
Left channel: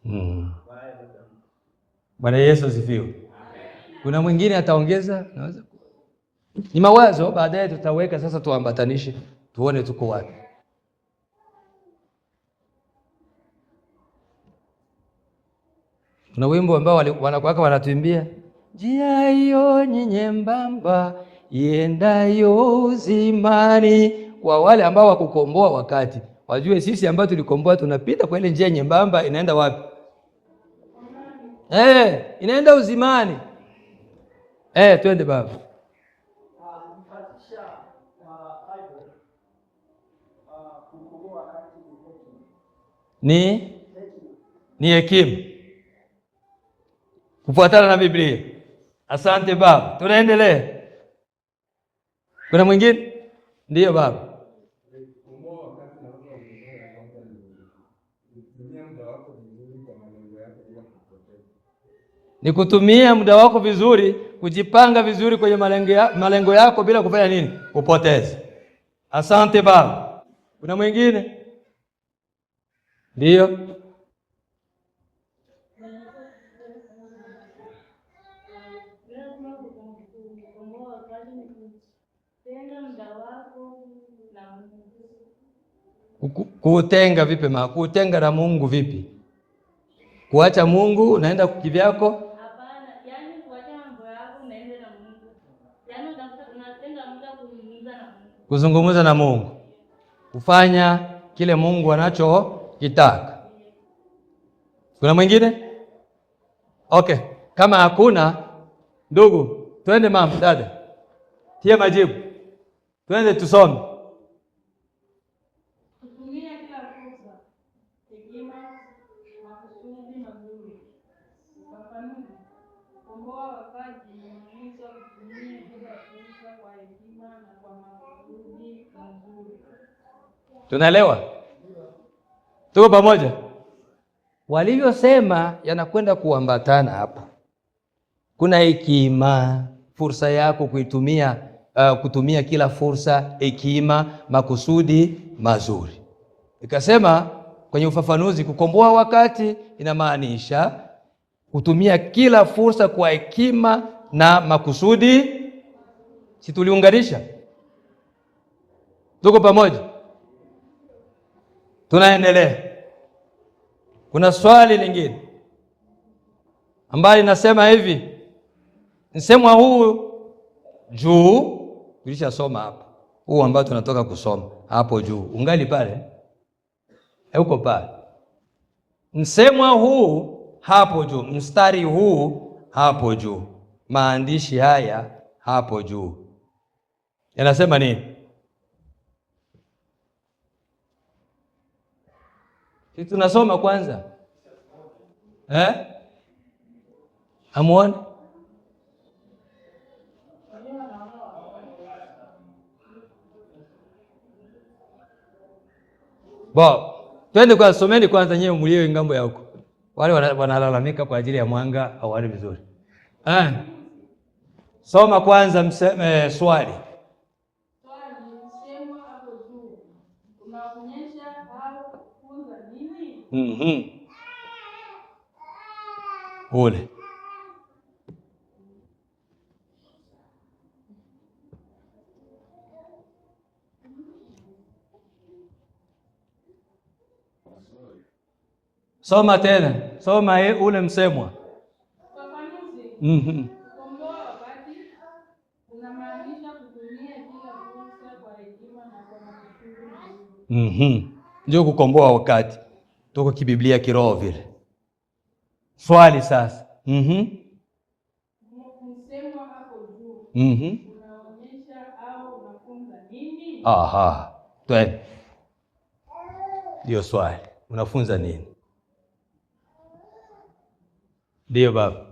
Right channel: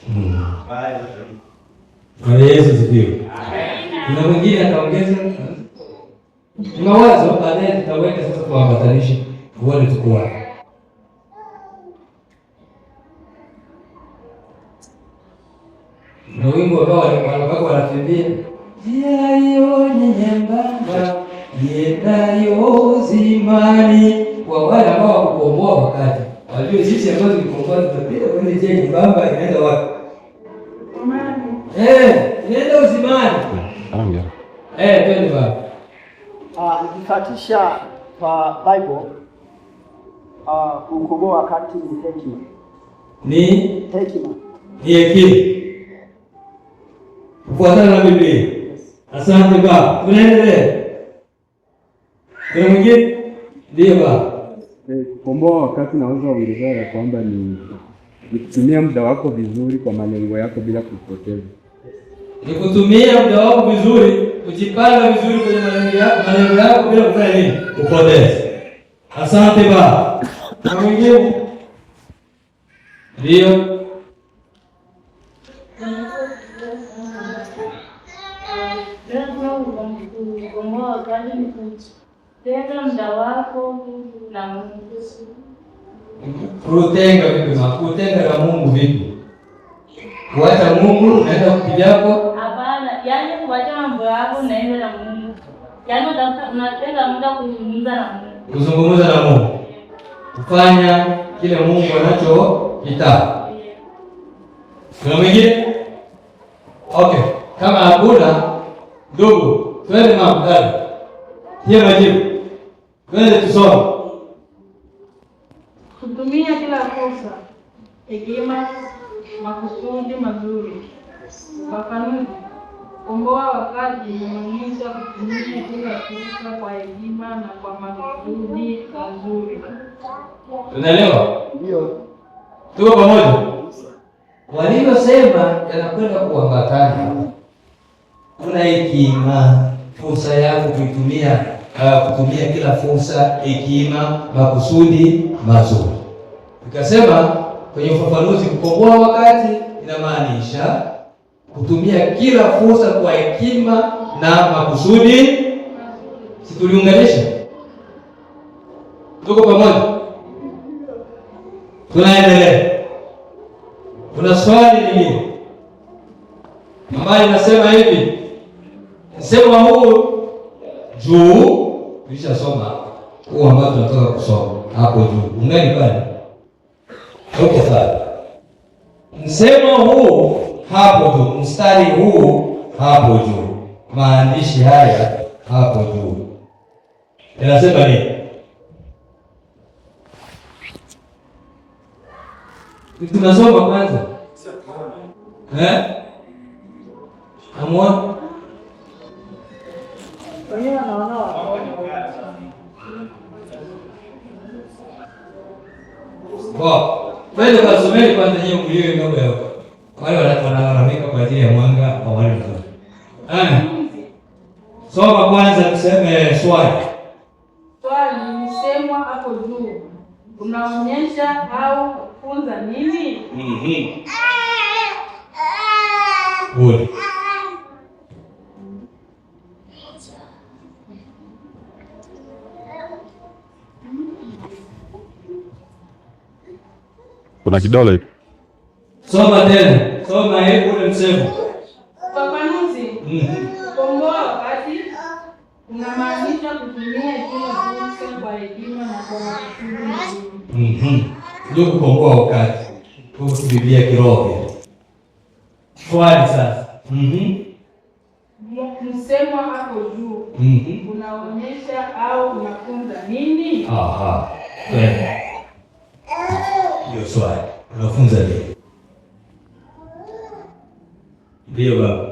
Bwana Yesu asifiwe. Kuna mwingine ataongeza ni mawazo, baadaye tutaweka sasa, tuambatanishe tuone tuko wapi. Na wimbo ambao wanakuwa wanatembea, njia hiyo ni nyembamba iendayo uzimani. Kwa wale ambao wakukomboa wakati, wajue sisi ambao tulikomboa tunapita kwenye njia nyembamba, inaenda wapi? Inaenda uzimani. Twende baba. Nikifuatisha kwa Bible, kukomboa wakati ni hekima. Ni hekima. Ni hekima. Kufuatana na Biblia. Asante baba. Tunaendelea. Kuna mwingine? Ndio baba. Kukomboa wakati naweza kuongezea ya kwamba ni kutumia muda wako vizuri kwa malengo yako bila kupoteza. Ni kutumia muda wako vizuri, kujipanga vizuri kwenye malengo yako bila kufanya nini? Kupoteza. Asante baba. Na mwingine? Ndio. Tenga muda wako na Mungu. Kutenga vipi? Kutenga na Mungu vipi? Kuacha Mungu naenda kivyako? Hapana, yaani kuacha mambo yako naenda na Mungu. Yaani unatenga muda kuzungumza na Mungu. Kuzungumza na Mungu. Kufanya kile Mungu anachokitaka. Kuna mwingine? Okay, kama hakuna ndugu, twende mama dada. Tia majibu. Twende tusome. Kutumia kila fursa, hekima, makusudi mazuri. Ufafanuzi: komboa wakati unamaanisha kutumia kila fursa kwa hekima na kwa makusudi mazuri. Tunaelewa? Ndio. Tuko pamoja? Waliosema yanakwenda kuambatana hapa. Kuna hekima, fursa yako kutumia kila fursa, hekima, makusudi mazuri. Nikasema kwenye ufafanuzi, kukomboa wakati inamaanisha kutumia kila fursa kwa hekima na makusudi. Si tuliunganisha? Tuko pamoja? Tunaendelea. Kuna swali lingine ambayo inasema hivi, msemo huu juu tulishasoma huu ambao tunatoka kusoma hapo juu. Ungali pale? Huko pale. Msemo huu hapo juu, mstari huu hapo juu, maandishi haya hapo juu yanasema nini? Tunasoma kwanza. Amuone? Twende kwa someni kwanza nyewe mlio mambo yao. Wale wanalalamika kwa ajili ya mwanga au wale watoto. Soma kwanza tuseme swali. Swali msemwa hapo juu unaonyesha au kufunza nini? Ule. Kuna kidole. Soma tena. Soma ule msemo. Ufafanuzi. Komboa wakati unamaanisha kutumia kila fursa kwa hekima na kwa makusudi mazuri. Ndio kukomboa wakati. Tuko kibiblia kiroho. Swali sasa. Msemwa hapo juu unaonyesha au unafunza nini? Twende. Ndio swali. Unafunza nini? Ndio baba.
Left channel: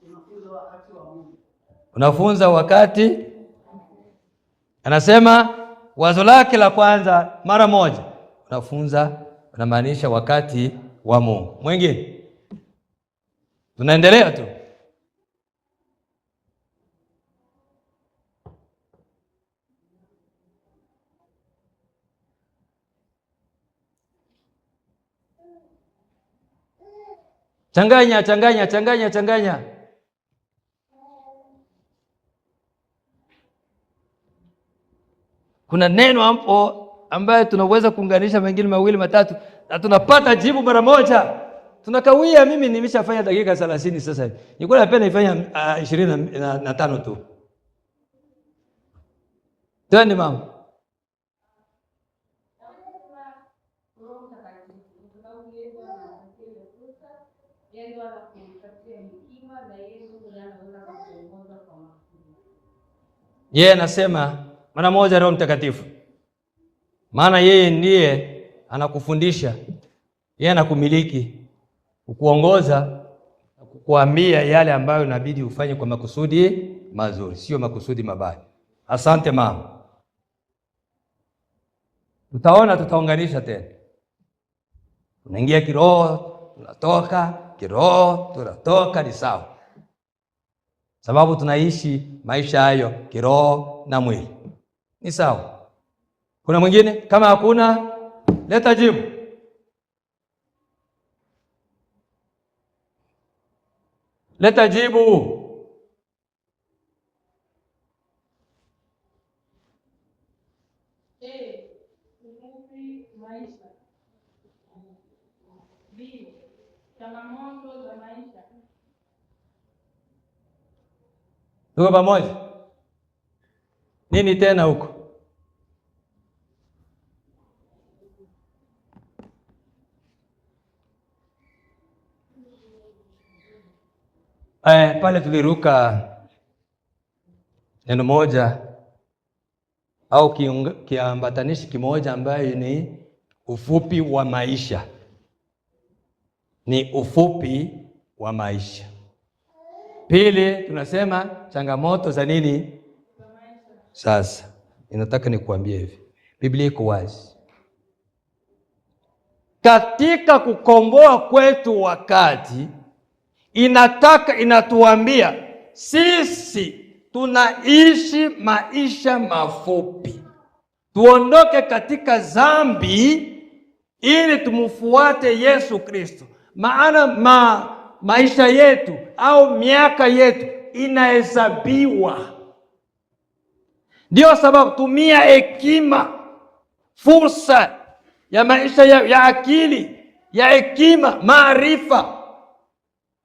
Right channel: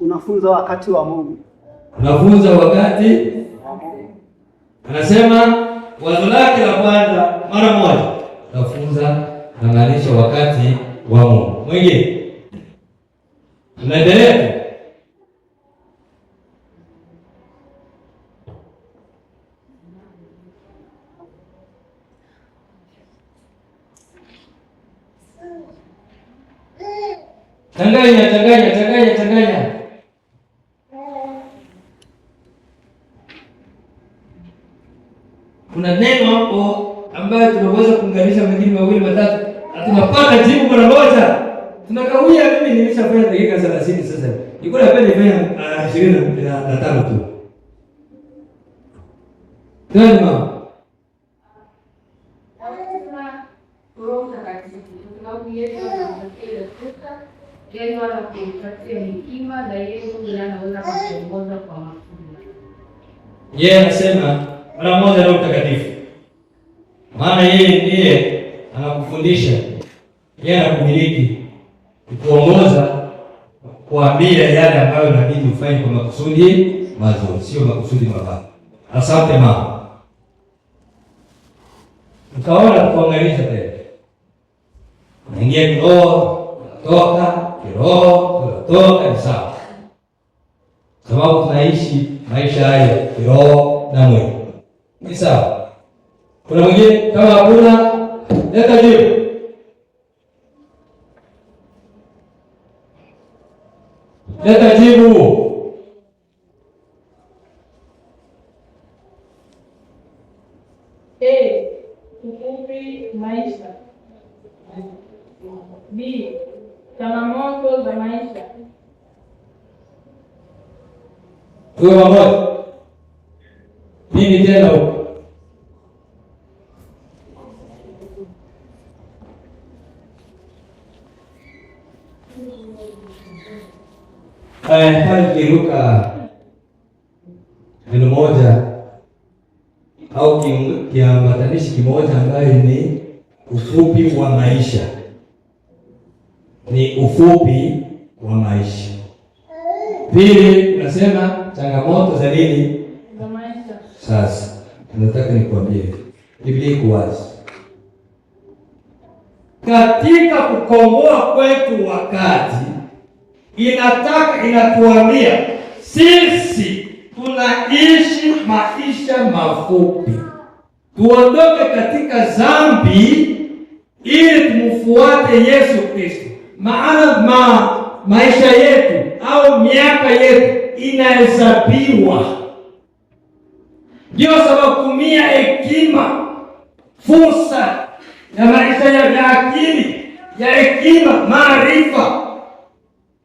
Unafunza wakati wa Mungu. Unafunza wakati. Anasema wazo lake la kwanza mara moja. Unafunza na maanisha wakati wa Mungu. Mwingine. Tunaendelea. Changanya. Kuna neno hapo ambayo tunaweza kuunganisha mengine mawili matatu na tunapata jibu mara moja. Tunakawia. Mimi nimeshafanya dakika 30 sasa. Nilikuwa napenda nifanye 25 tu. Twende mama. Yeye anasema mara moja Roho Mtakatifu. Maana yeye ndiye anakufundisha. Yeye anakumiliki, kuongoza, kuambia yale ambayo inabidi ufanye kwa makusudi mazuri, sio makusudi mabaya. Asante mama. Tutaunganisha tena. Unaingia kiroho, unatoka kiroho, unatoka ni sawa. Sababu tunaishi maisha hayo kiroho na mwili. Ni sawa. Kuna mwingine? Kama hakuna, leta jibu. Leta jibu. Tuwe pamoja. Nini tena huko? Pale tukiruka neno moja au kiambatanishi kimoja ambaye ni ufupi wa maisha. Ni ufupi wa maisha. Pili, tunasema changamoto za nini? Za maisha. Sasa, nataka nikuambie, Biblia iko wazi. Katika kukomboa kwetu wakati, inatuambia sisi tunaishi maisha mafupi. Tuondoke katika dhambi ili tumfuate Yesu Kristo. Maana maisha yetu au miaka yetu inahesabiwa. Ndio sababu tumia hekima, fursa ya maisha ya akili, ya hekima, maarifa.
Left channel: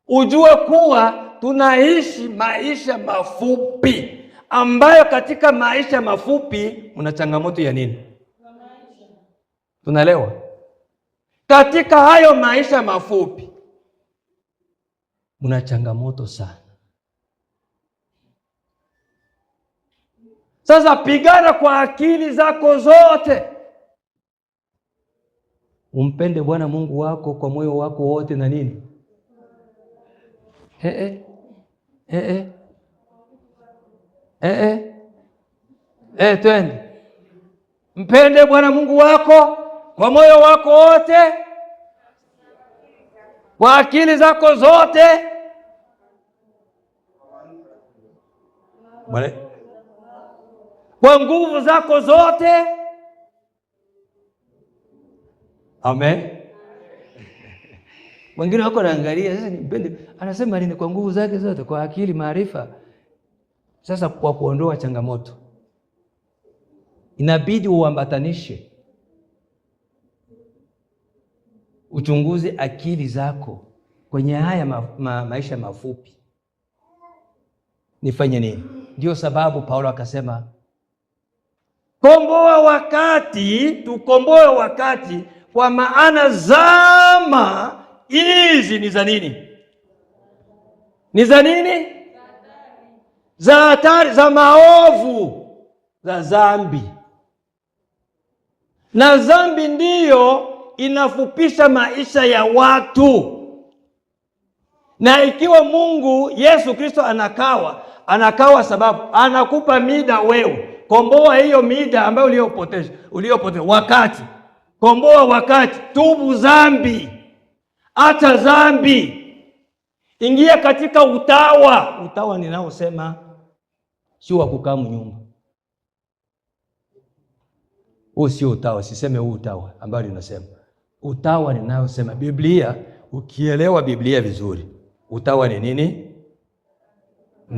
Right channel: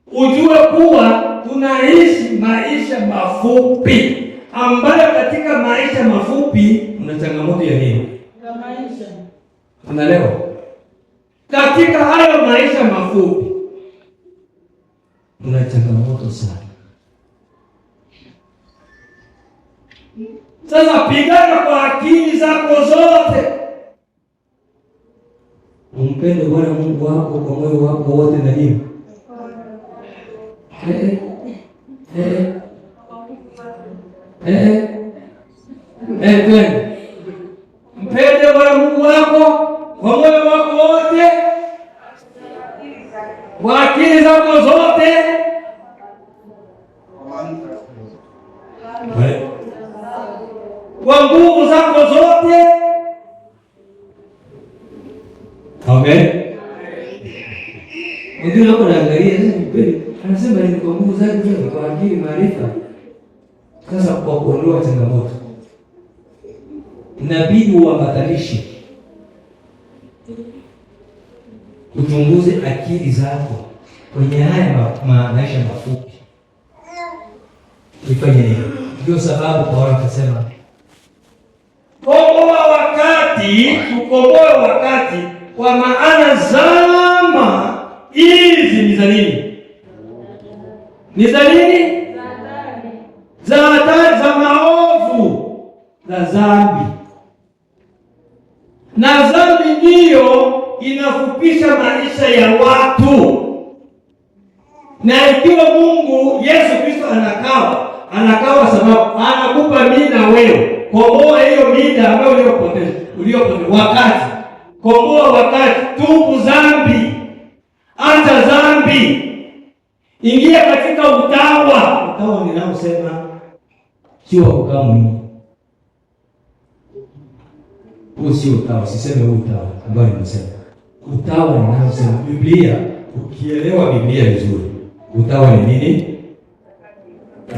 Ujue kuwa tunaishi maisha mafupi, ambayo katika maisha mafupi una changamoto ya nini? Ya maisha. Unaelewa? Katika hayo maisha mafupi una changamoto sana. Sasa pigana kwa akili zako zote. Umpende Bwana Mungu wako kwa moyo wako wote na nini? Mpende Bwana Mungu wako kwa moyo wako wote, kwa akili zako zote, kwa nguvu zako zote. Amen. Wengine wako naangalia anasema ni kwa nguvu zake zote, kwa akili, maarifa. Sasa kwa kuondoa changamoto inabidi uambatanishi, uchunguze akili zako kwenye haya maisha mafupi. Nifanye nini? Ndio sababu Paulo akasema tukomboe wakati, kwa maana zama hizi ni za nini? Ni za nini? Za hatari, za maovu, za dhambi. Na dhambi ndiyo inafupisha maisha ya watu. Na ikiwa Mungu Yesu Kristo anakawa sababu anakupa mida wewe, komboa hiyo mida ambayo uliyopoteza wakati. Komboa wakati, tubu dhambi, acha dhambi, ingia katika utawa. Utawa ninaosema sio kukaa Mungu. Huu sio utawa, siseme huu utawa ambayo nimesema. Utawa ninaosema Biblia, ukielewa Biblia vizuri, utawa ni nini?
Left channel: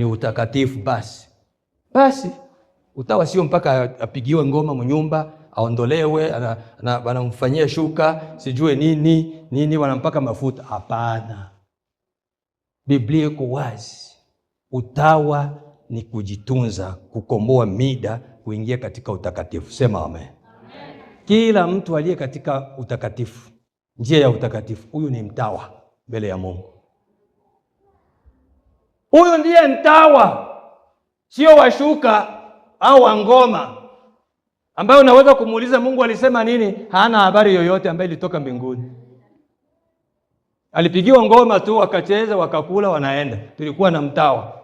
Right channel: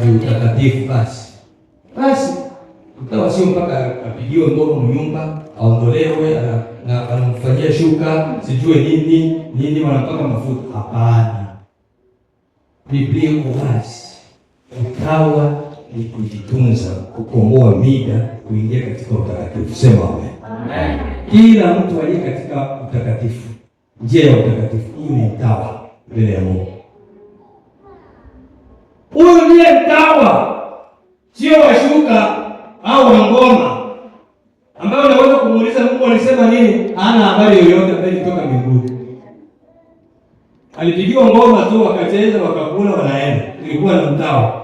Ni utakatifu basi. Utawa sio mpaka apigiwe ngoma mnyumba, aondolewe na wanamfanyia shuka, sijue nini wanampaka mafuta. Hapana. Biblia iko wazi. Utawa ni kujitunza, kukomboa mida, kuingia katika utakatifu. Sema amen. Kila mtu aliye katika utakatifu, njia ya utakatifu, huyu ni mtawa mbele ya Mungu. Huyu ndiye mtawa, sio washuka au wangoma ambayo unaweza kumuuliza Mungu alisema nini, hana habari yoyote, ambaye ilitoka mbinguni. Alipigiwa ngoma tu, wakacheza, wakakula, wanaenda. Tulikuwa na mtawa.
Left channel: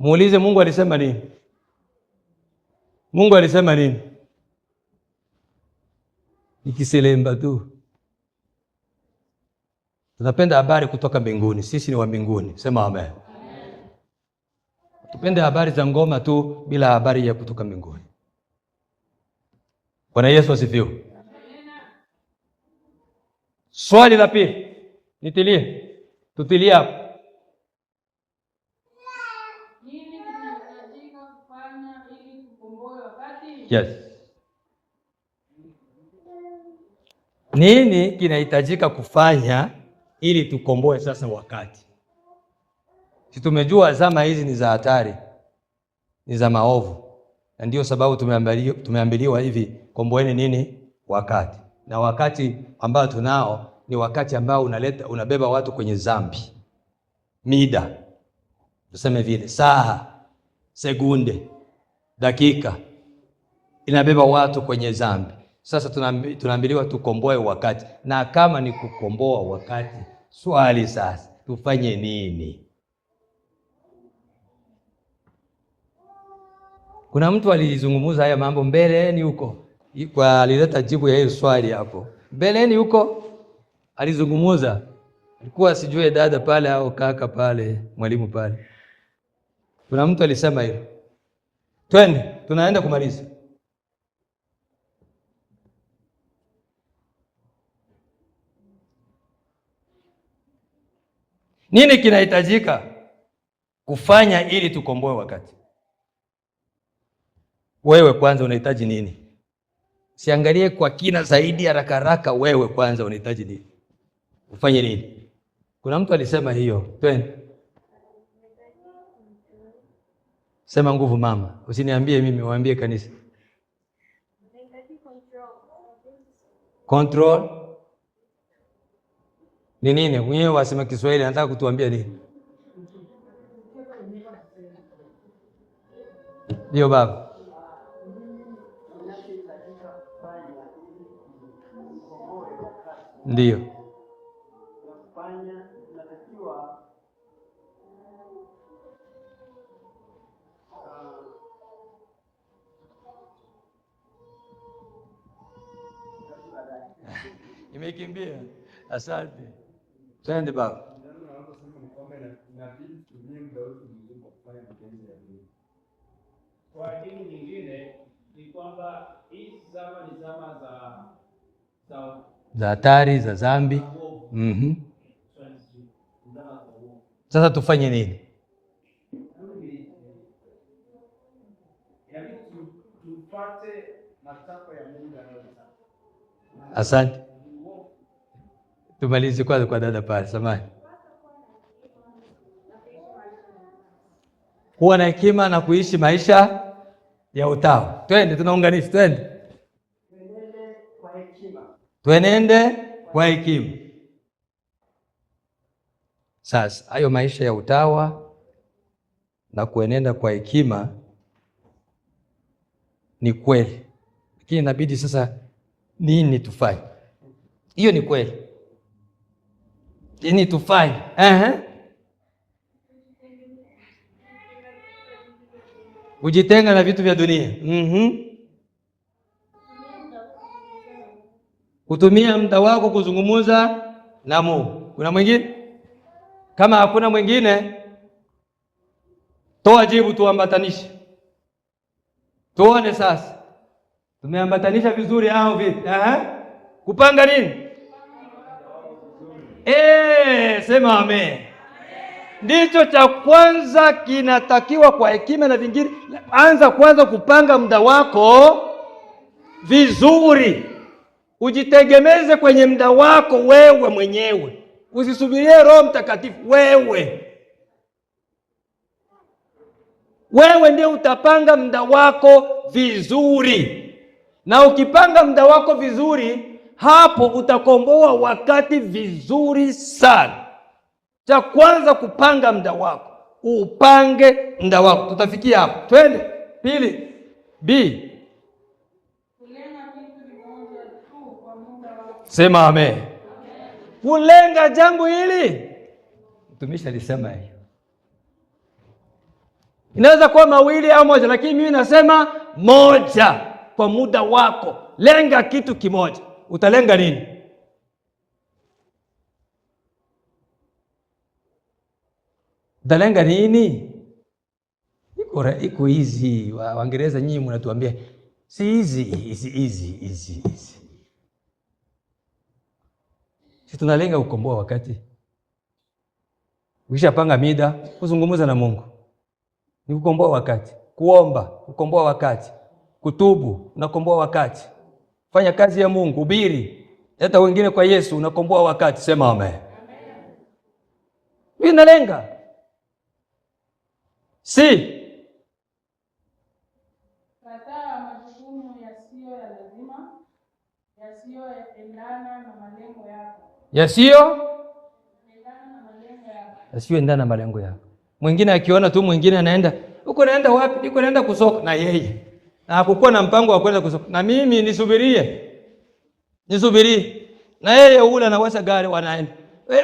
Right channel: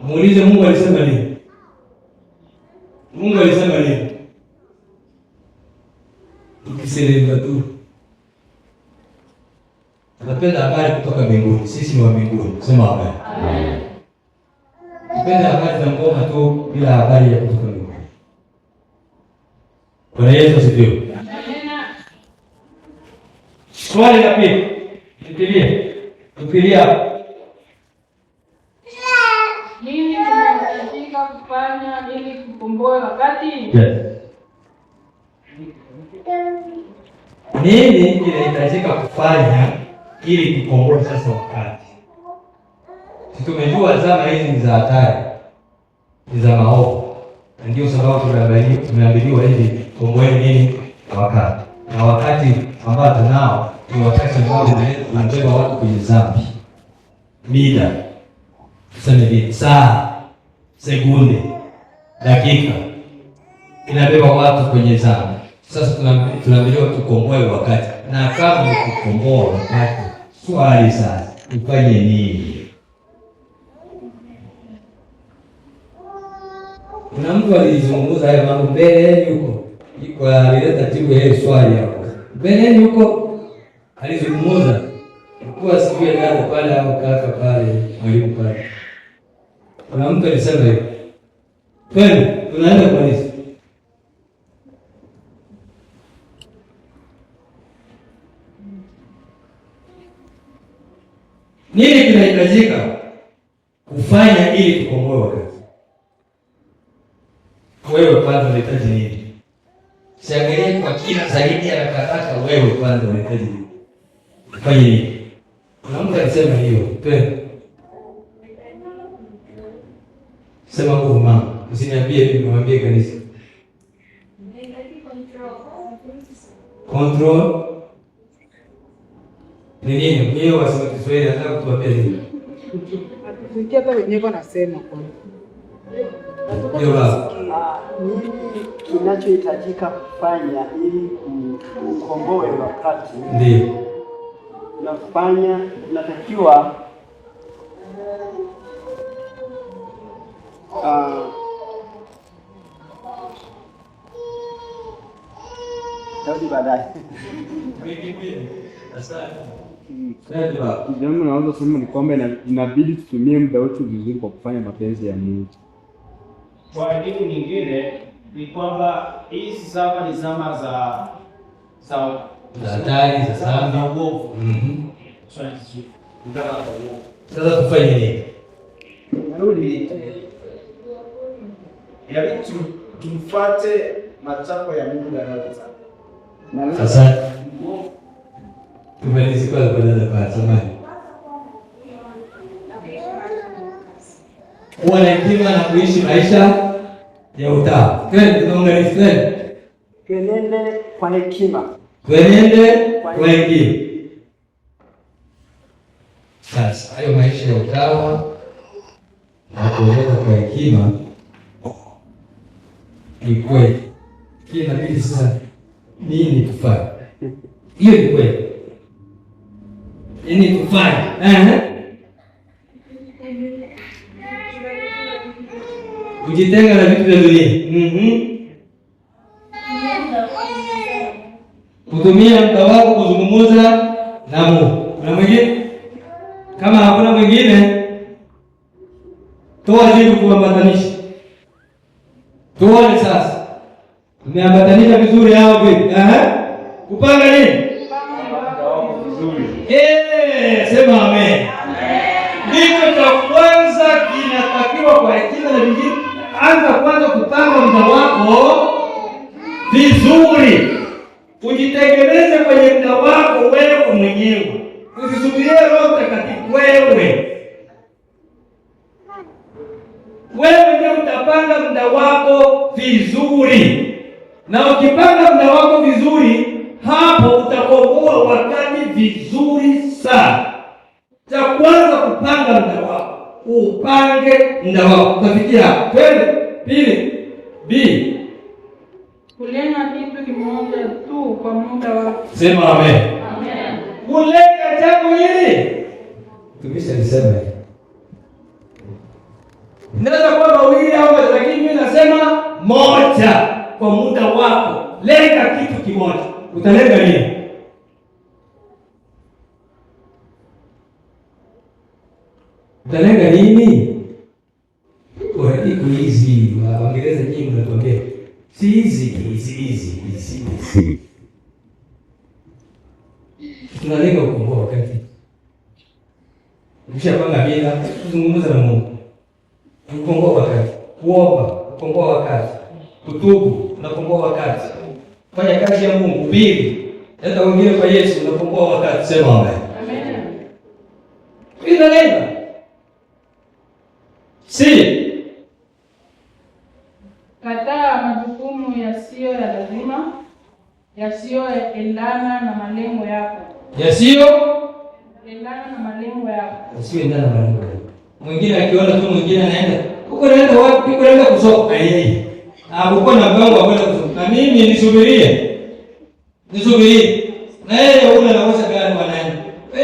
Muulize Mungu alisema nini? Mungu alisema nini? Ikiselemba tu. Tunapenda habari kutoka mbinguni. Sisi ni wa mbinguni. Sema amen. Amen. Tunapenda habari za ngoma tu bila habari ya kutoka mbinguni. Bwana Yesu asifiwe. Amen. Swali la pili. Tutilia. Nini tunahitajika kufanya ili kukomboa wakati? Yes. Nini inahitajika kufanya ili kukomboa sasa wakati? Tumejua zama hizi ni za hatari, ni za maovu, na ndio sababu tumeambiliwa hivi, komboeni nini wakati. Na wakati ambao tunao ni wakati ambao unabeba watu kwenye dhambi. Mida, tuseme hivi, saa, sekunde, dakika inabeba watu kwenye dhambi. Sasa tunaambiliwa tukomboe wakati, na kama ni kukomboa wakati, swali sasa ufanye nini? Kuna mtu alizungumza haya mambo mbeleni huko, alileta jibu ya ile swali hapo mbeleni huko, alizungumza kwa sijui dada pale au kaka pale, mwalimu pale. Kuna mtu alisema hivi, twende tunaenda kumaliza. Nini kinahitajika kufanya ili tukomboe wakati? Wewe kwanza unahitaji nini? Siangalie kwa kina zaidi haraka. Wewe kwanza unahitaji nini? Fanye nini? Kuna mtu anasema hiyo. Twende. Sema nguvu mama. Usiniambie mimi, niwaambie kanisa. Control. Ni nini? Mwenyewe wasema Kiswahili, nataka kutuambia nini? Atusikia hata wenyewe wanasema kwa. Hiyo baba. Nini kinachohitajika kufanya ili kukomboe wakati? Ndio. Unatakiwa baadaye. Asante. Jambo naweza kusema ni kwamba inabidi tutumie muda wetu vizuri kwa kufanya mapenzi ya Mungu. Kwa elimu nyingine ni kwamba hizi zama ni zama za hatari, za dhambi. Sasa tufanye nini? Yaani tumfuate matakwa ya Mungu yanayotaka. Asante. Tumalize kwa dada pale, samahani. Kuwa na hekima na kuishi maisha ya utawa. Twende tunaunganisha, twende. Tuenende kwa hekima. Tuenende kwa hekima. Sasa hayo maisha ya utawa na kuenenda kwa hekima ni kweli. Lakini inabidi sasa nini tufanye? Hiyo ni kweli. Nini tufanye? Ujitenga na vitu vya dunia. Kutumia muda wako kuzungumza na Mungu. Kuna mwingine? Kama hakuna mwingine, toa jibu, tuambatanishe. Tuone sasa. Tumeambatanisha vizuri hao vipi? Kupanga nini? Sema amen. Ndivyo cha kwanza kinatakiwa kwa hekima na vingine. Anza kwanza kupanga muda wako vizuri. Ujitegemeze kwenye muda wako wewe mwenyewe. Usisubirie Roho Mtakatifu wewe ndio utapanga muda wako vizuri. Na ukipanga muda wako vizuri, hapo utakomboa wakati vizuri sana. Cha kwanza kupanga muda wako. Upange muda wako. Utafikia hapo. Twende. Pili. B. Kulenga kitu kimoja tu kwa muda wako. Sema amen. Amen. Kulenga jambo hili. Tumeshalisema hivi. Inaweza kuwa mawili au moja, lakini mimi nasema moja kwa muda wako. Lenga kitu kimoja. Utalenga nini? Utalenga nini? Iko hizi Waingereza nyinyi mnatuambia si hizi. Tunalenga kukomboa wakati. Ukishapanga mida, kuzungumza na Mungu. Kukomboa wakati. Kuomba, kukomboa wakati. Kutubu, unakomboa wakati. Fanya kazi ya Mungu, hubiri. Enda wengine kwa Yesu, unakomboa wakati. Sema amen. Amen. Mimi nalenga. Si kataa majukumu yasiyo ya lazima, yasiyoendana na malengo yako. Yasiyoendana na malengo yako. Mwingine akiona tu mwingine anaenda huko, naenda wapi? Huko naenda kusoma na yeye. Na hakukuwa na mpango wa kwenda kusoma. Na mimi nisubirie. Na yeye huona anaweza gani wanaenda.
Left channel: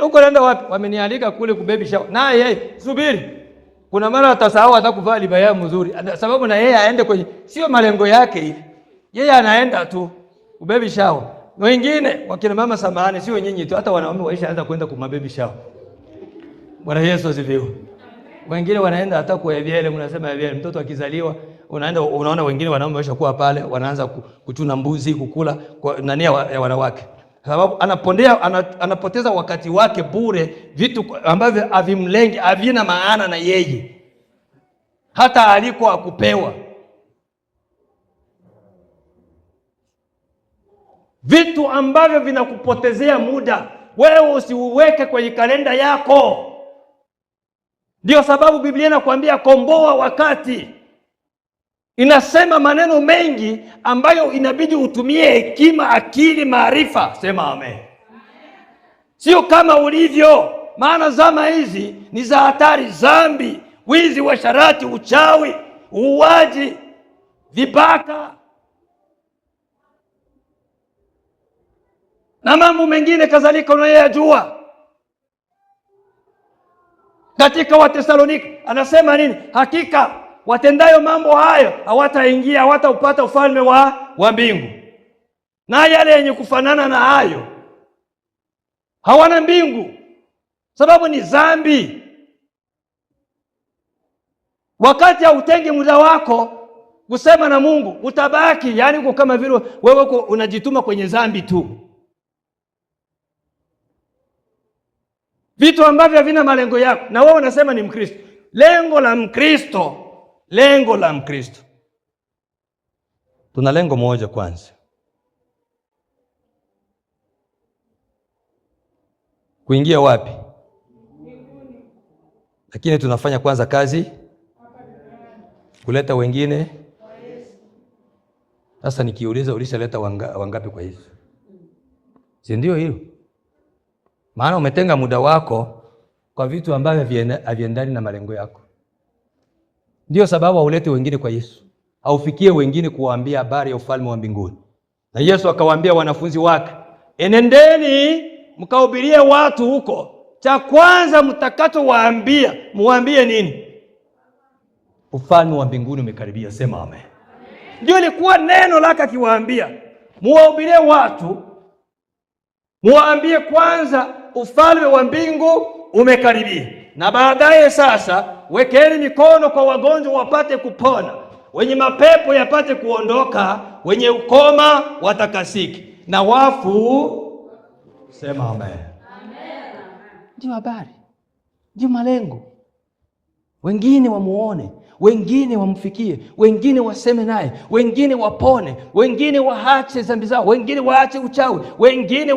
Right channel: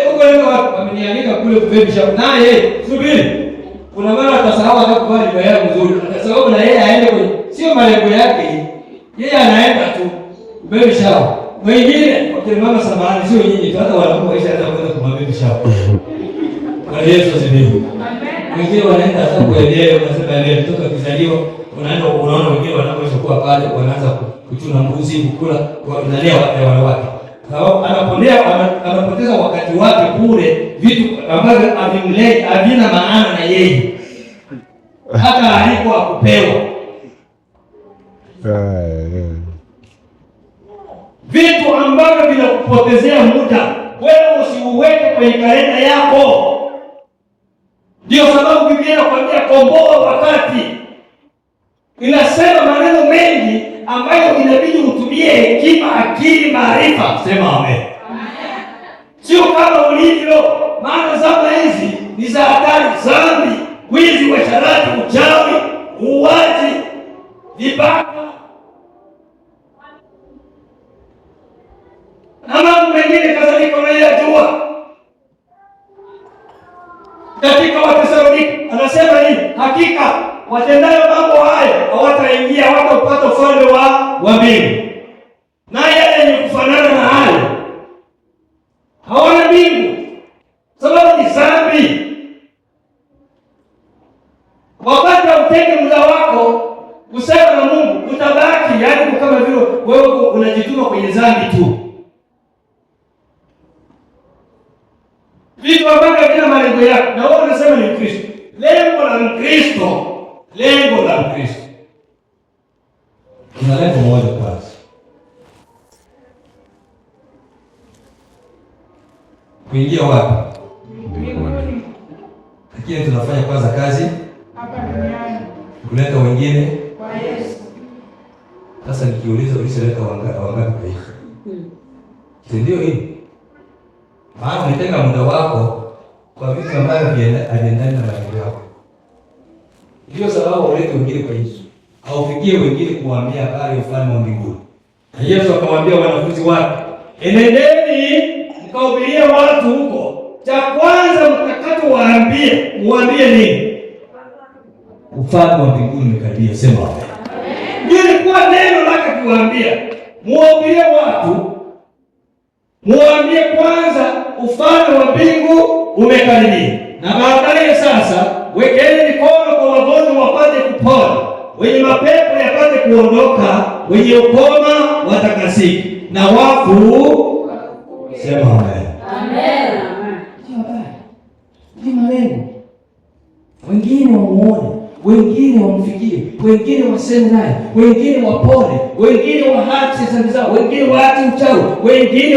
Huko naenda wapi? Wamenialika kule kubebisha. Na yeye subiri. Kuna mara atasahau hata kuvaa liba yake nzuri. Sababu na yeye aende kwenye sio malengo yake. Yeye anaenda tu kubebisha. Wengine wakina mama samahani, sio nyinyi tu, hata wanakuwa isha hata kwenda kubebisha. Bwana Yesu asifiwe. Wengine wanaenda hata kuelewa, unasema leo mtoto akizaliwa, unaona wengine wanapoisha kuwa pale, wanaanza kuchuna mbuzi, kukula kwa nani wanawake. Sababu anapoteza wakati wake bure, vitu ambavyo havina maana na yeye. Hata alikuwa kupewa. Vitu ambavyo vinakupotezea muda, wewe usiuweke kwenye kalenda yako. Ndio sababu Biblia inakwambia komboa wakati. Inasema maneno mengi ambayo inabidi utumie hekima, akili, maarifa. Sema amen. Sio kama ulivyo, maana zama hizi ni za hatari, dhambi, wizi, uasherati, uchawi, uuaji, vibaka na mambo mengine kadhalika unayojua. Katika Wathesalonike anasema nini? Hakika watendayo mambo haya hawataingia, hawataupata ufalme wa mbingu. Na yale yenye kufanana na hayo hawana mbingu, sababu ni dhambi. Wakati hautenge muda wako kusema na Mungu, utabaki yaani kama vile wewe unajituma kwenye dhambi tu. Vitu ambavyo havina malengo yako, na wewe unasema ni Mkristo. Lengo la Mkristo. Tuna lengo moja kwanza. Kuingia wapi? Mbinguni. Lakini tunafanya kwanza kazi Hapa duniani. Kuleta wengine Kwa Yesu. Sasa nikiuliza ulishaleta wangapi kwa Yesu? Si ndio hivi? Maana umetenga muda wako kwa vitu ambavyo haviendani na malengo yako. Ndio sababu ulete wengine kwa Yesu. Aufikie wengine kuwaambia habari ya ufalme wa mbinguni. Na Yesu akawaambia wanafunzi wake, enendeni mkahubirie watu huko. Cha kwanza mtakachowaambie, muambie nini? Ufalme wa mbinguni umekaribia. Sema amen. Ndio ilikuwa neno lake kuwaambia. Muwahubirie watu. Muambie kwanza ufalme wa mbingu umekaribia. Na baadaye sasa wekeni mikono kwa wagonjwa wapate kupona, wenye mapepo yapate kuondoka, wenye ukoma watakasika, na wafu. Sema amen. Amen. Ndio habari. Ndio malengo. Wengine wamuone, wengine wamfikie, wengine waseme naye, wengine wapone, wengine waache dhambi zao, wengine waache uchawi, wengine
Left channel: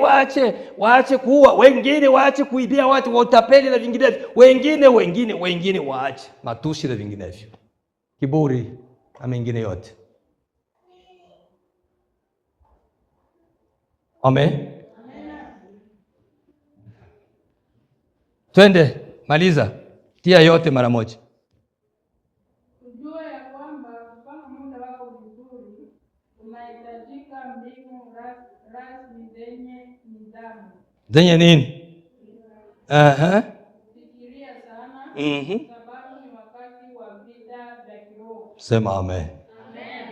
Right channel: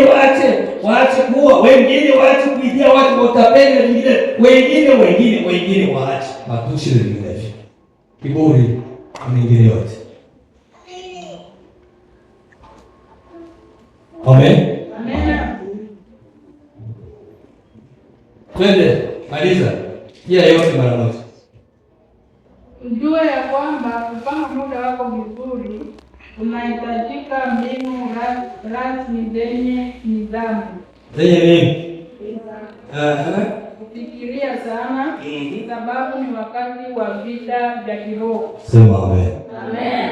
waache kuua, wengine waache kuibia watu, watapenda wengine waache matusi na vinginevyo, kiburi na mengine yote. Amen. Twende, maliza. Tia yote mara moja. Ujue ya kwamba kupanga muda wako vizuri unahitajika mbinu rasmi zenye nidhamu. Zenye nini? Kufikiria sana, sababu ni wakati wa vita vya kiroho. Sema amen. Amen.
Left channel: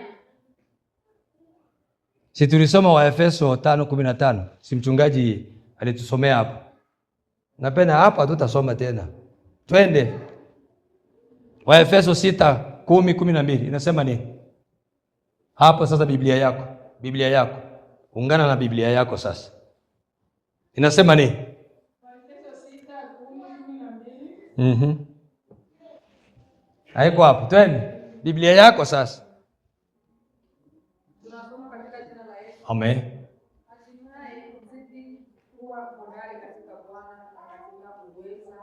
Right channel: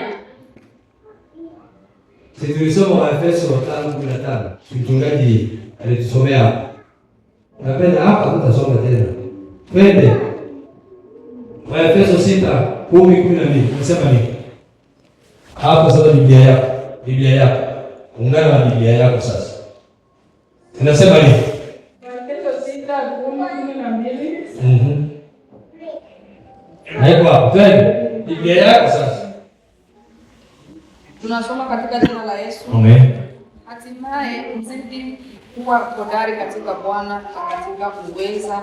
Si tulisoma Waefeso 5:15. Si mchungaji alitusomea hapa. Napenda hapa tutasoma tena. Twende. Waefeso 6:10-12. Nasema nini? Hapo sasa Biblia yako. Ungana na Biblia yako sasa. Inasema nini? Waefeso 6:10-12. Haiko hapo. Twende. Biblia yako sasa. Tunasoma katika jina la Yesu. Amen. Hatimaye mzidi kuwa hodari katika Bwana na katika uweza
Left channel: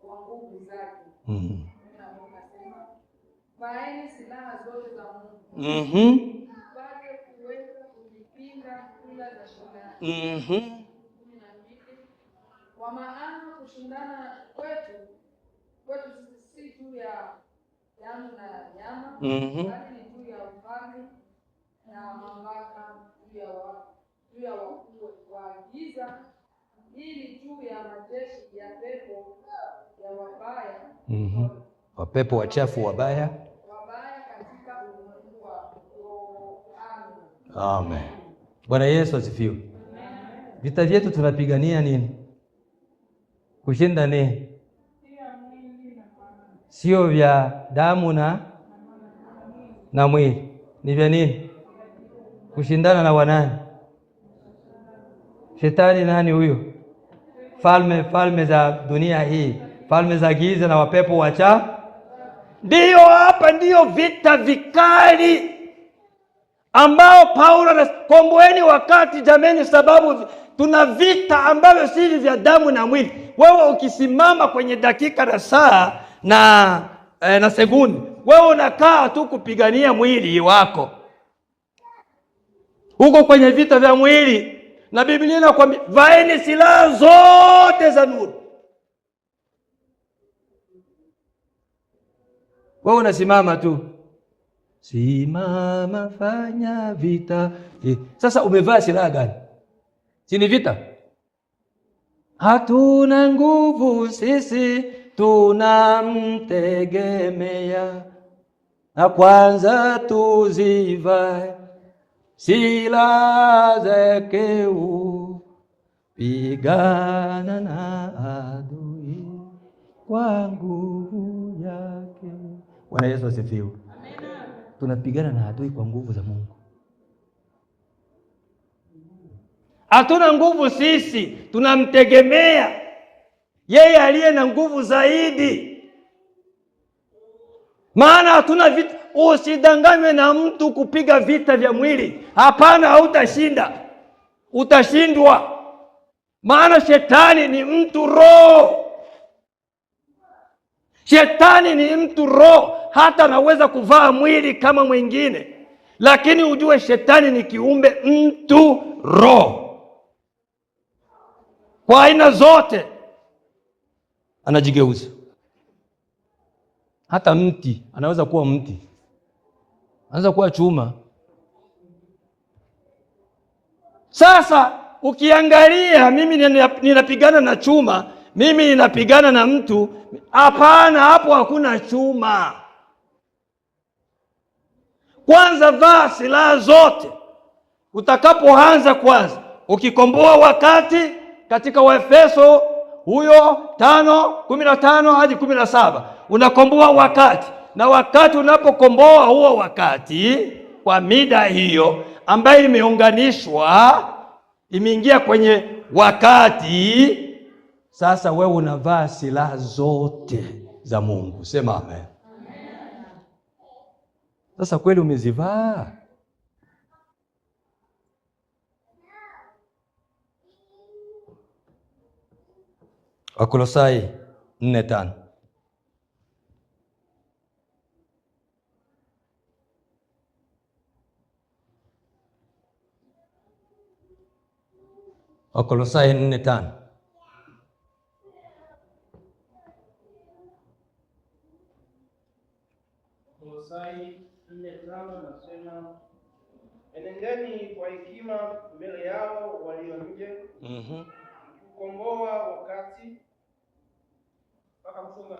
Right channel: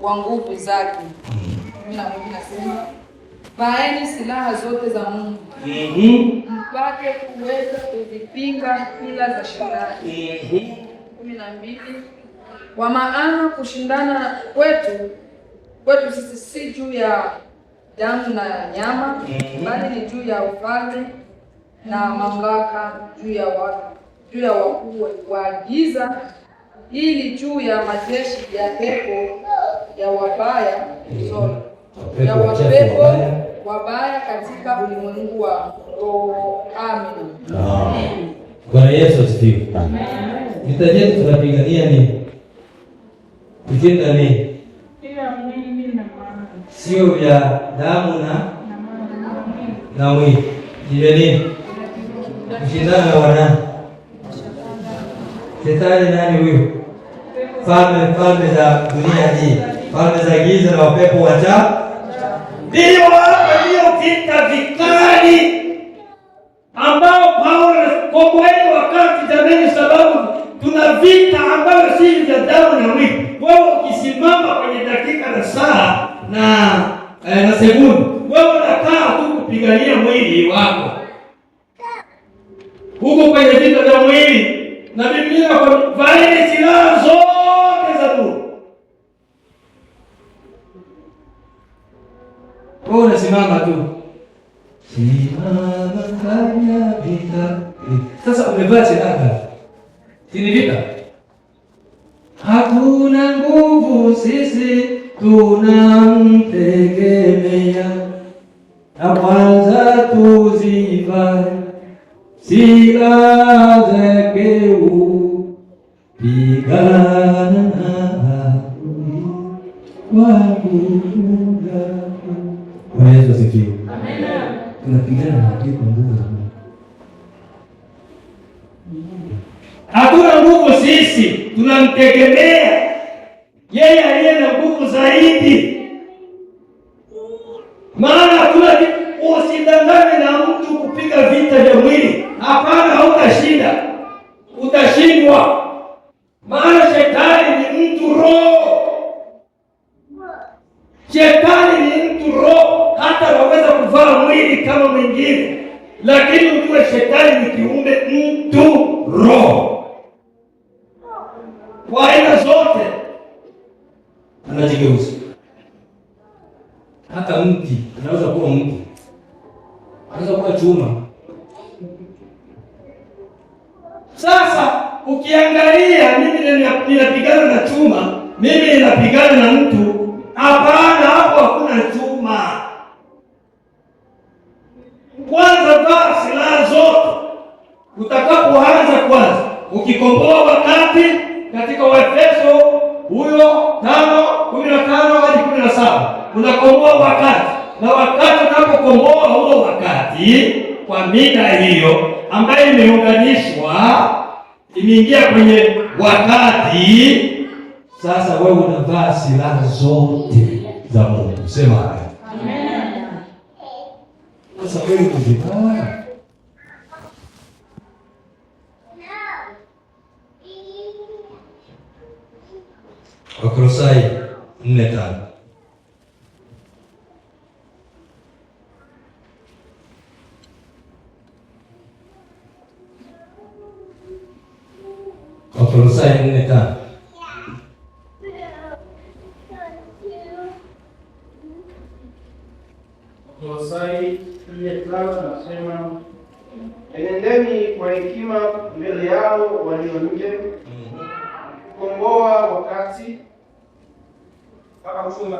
wa nguvu zake. 12 nasema, vaeni silaha zote za Mungu mpate kuweza kuzipinga hila za Shetani. 12, kwa maana kushindana kwetu sisi si juu ya damu na nyama, bali ni juu ya ufalme na mamlaka, juu ya wakuu wa giza, ili juu ya majeshi ya pepo ya wabaya wabaya katika ulimwengu wa roho. Amina. Bwana Yesu asifiwe. Vita yetu tunapigania ni kushinda ni sio vya damu na mwili. Ndio nini? Kushindana na wanani? Shetani nani huyo? Falme za dunia hii, falme za giza na wapepo wacha. Ndio hapa ndio vita vikali ambao Paulo anakomboeni wakati jameni, sababu tuna vita ambavyo si vya damu na mwili. Wewe ukisimama kwenye dakika na saa na sekunde, wewe unakaa tu kupigania mwili wako. Huko kwenye vita vya mwili, na Biblia inakwambia vaeni silaha zote za Mungu. Wewe unasimama tu. Simama fanya vita. Sasa umevaa silaha. Sini vita. Hakuna nguvu sisi tunamtegemea. Na kwanza tuzivae silaha zake pigana wangu. Bwana Yesu asifiwe. Amen. Tunapigana na adui kwa nguvu za Mungu. Hakuna nguvu sisi tunamtegemea yeye aliye na nguvu zaidi. Maana hakuna, usidanganywe na mtu kupiga vita vya mwili. Hapana, hautashinda. Utashindwa. Maana shetani ni mtu roho. Shetani ni mtu roho, hata anaweza kuvaa mwili kama mwingine, lakini ujue shetani ni kiumbe mtu roho. Kwa aina zote anajigeuza. Hata mti anaweza kuwa mti, anaweza kuwa chuma. Sasa ukiangalia, mimi ninapigana na chuma, mimi ninapigana na mtu. Hapana, hapo hakuna chuma. Kwanza vaa silaha zote. Utakapoanza kwanza, ukikomboa wakati katika Waefeso huyo 5:15 hadi 17, unakomboa wakati. Na wakati unapokomboa huo wakati kwa mida hiyo ambayo imeunganishwa, imeingia kwenye wakati. Sasa wewe unavaa silaha zote za Mungu. Sema haya. Amen. Sasa kweli umezivaa? Wakolosai 4:5. Wakolosai 4:5. Wakolosai 4:5 nasema, enendeni kwa hekima mbele yao walio nje, kukomboa wakati mpaka kufunga.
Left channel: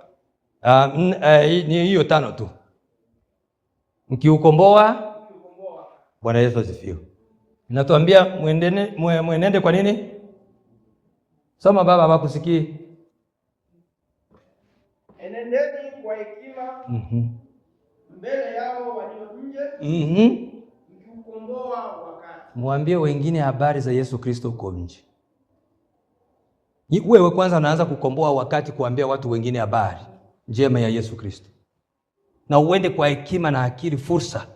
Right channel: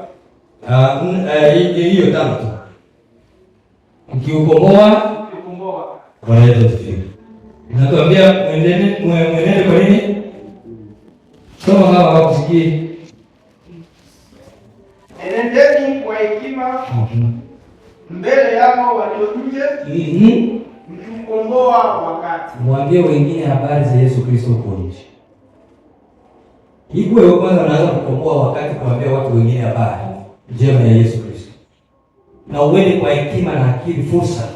Hiyo tano tu. Mkiukomboa wanaenda kufikia. Natuambia muendeni kwa nini? Soma baba wakusikie. Enendeni kwa hekima mbele yao walio nje, mkiukomboa wakati. Mwambie wengine habari za Yesu Kristo huko nje. Wewe kwanza unaanza kukomboa wakati kuambia watu wengine habari njema ya Yesu Kristo. Na uende kwa hekima na akili, fursa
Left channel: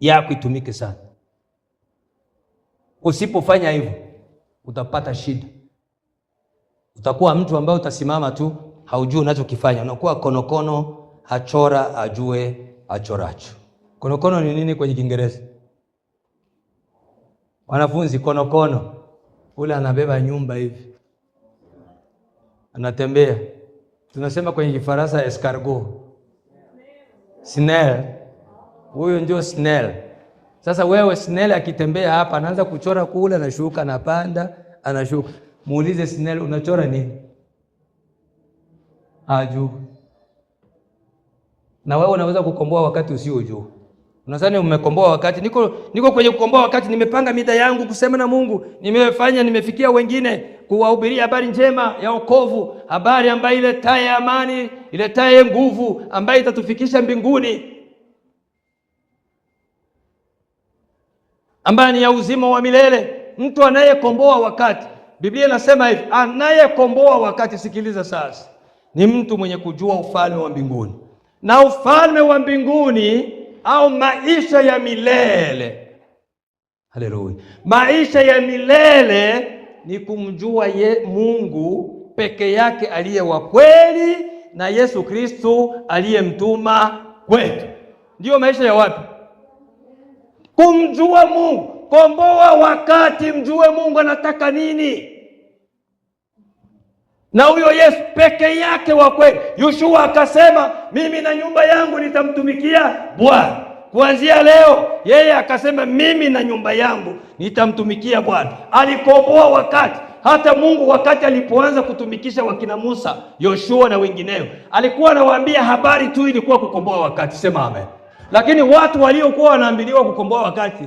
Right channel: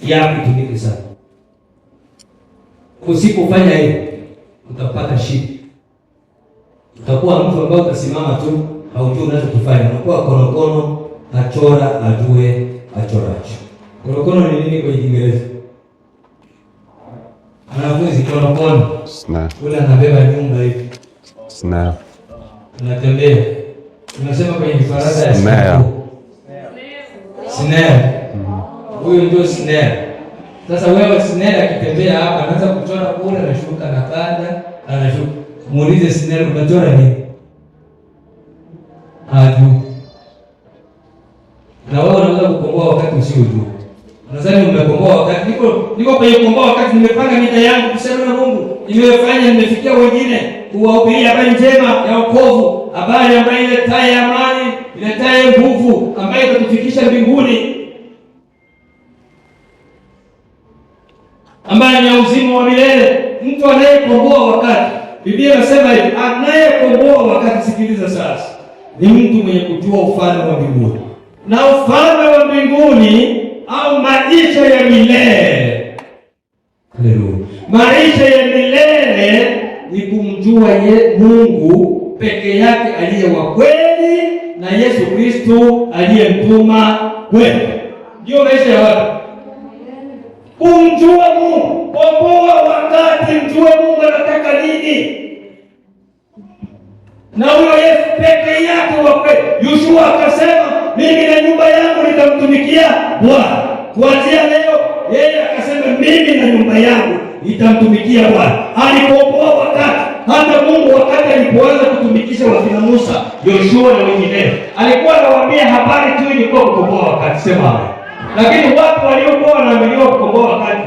yako itumike sana. Usipofanya hivyo utapata shida. Utakuwa mtu ambaye utasimama tu haujui unachokifanya. Unakuwa konokono, achora ajue achoracho. Konokono ni nini kwa Kiingereza? Wanafunzi, konokono. Ule anabeba nyumba hivi. Anatembea. Unasema kwenye Kifaransa ya snare. Huyo ndio snare. Sasa wewe snare akitembea hapa anaanza kuchora kule, anashuka na panda, anashuka. Muulize snare unachora nini? Aju. Na wewe unaweza kukomboa wakati usiojua. Nadhani umekomboa wakati. Niko kwenye kukomboa wakati nimepanga mida yangu kusema na Mungu. Nimefanya, nimefikia wengine kuwahubiria habari njema ya wokovu, habari ambayo iletaye amani, iletaye nguvu, ambayo itatufikisha mbinguni, ambaye ina uzima wa milele. Mtu anayekomboa wakati, Biblia inasema hivi, anayekomboa wakati, sikiliza sasa, ni mtu mwenye kujua ufalme wa mbinguni. Na ufalme wa mbinguni au maisha ya milele. Haleluya. Maisha ya milele ni kumjua Mungu peke yake aliye wa kweli na Yesu Kristo aliyemtuma kweli. Ndio maisha ya watu. Kumjua Mungu, komboa wakati, mjue Mungu anataka nini. Na huyo Yesu peke yake wa kweli. Yoshua akasema, mimi na nyumba yangu nitamtumikia Bwana. Kuanzia leo yeye akasema, mimi na nyumba yangu nitamtumikia Bwana. Alikomboa wakati. Hata Mungu wakati alipoanza kutumikisha wakina Musa, Yoshua na wengineo, alikuwa anawaambia habari tu, ilikuwa kukomboa wakati. Sema amen. Lakini watu waliokuwa wanaambiwa kukomboa wakati,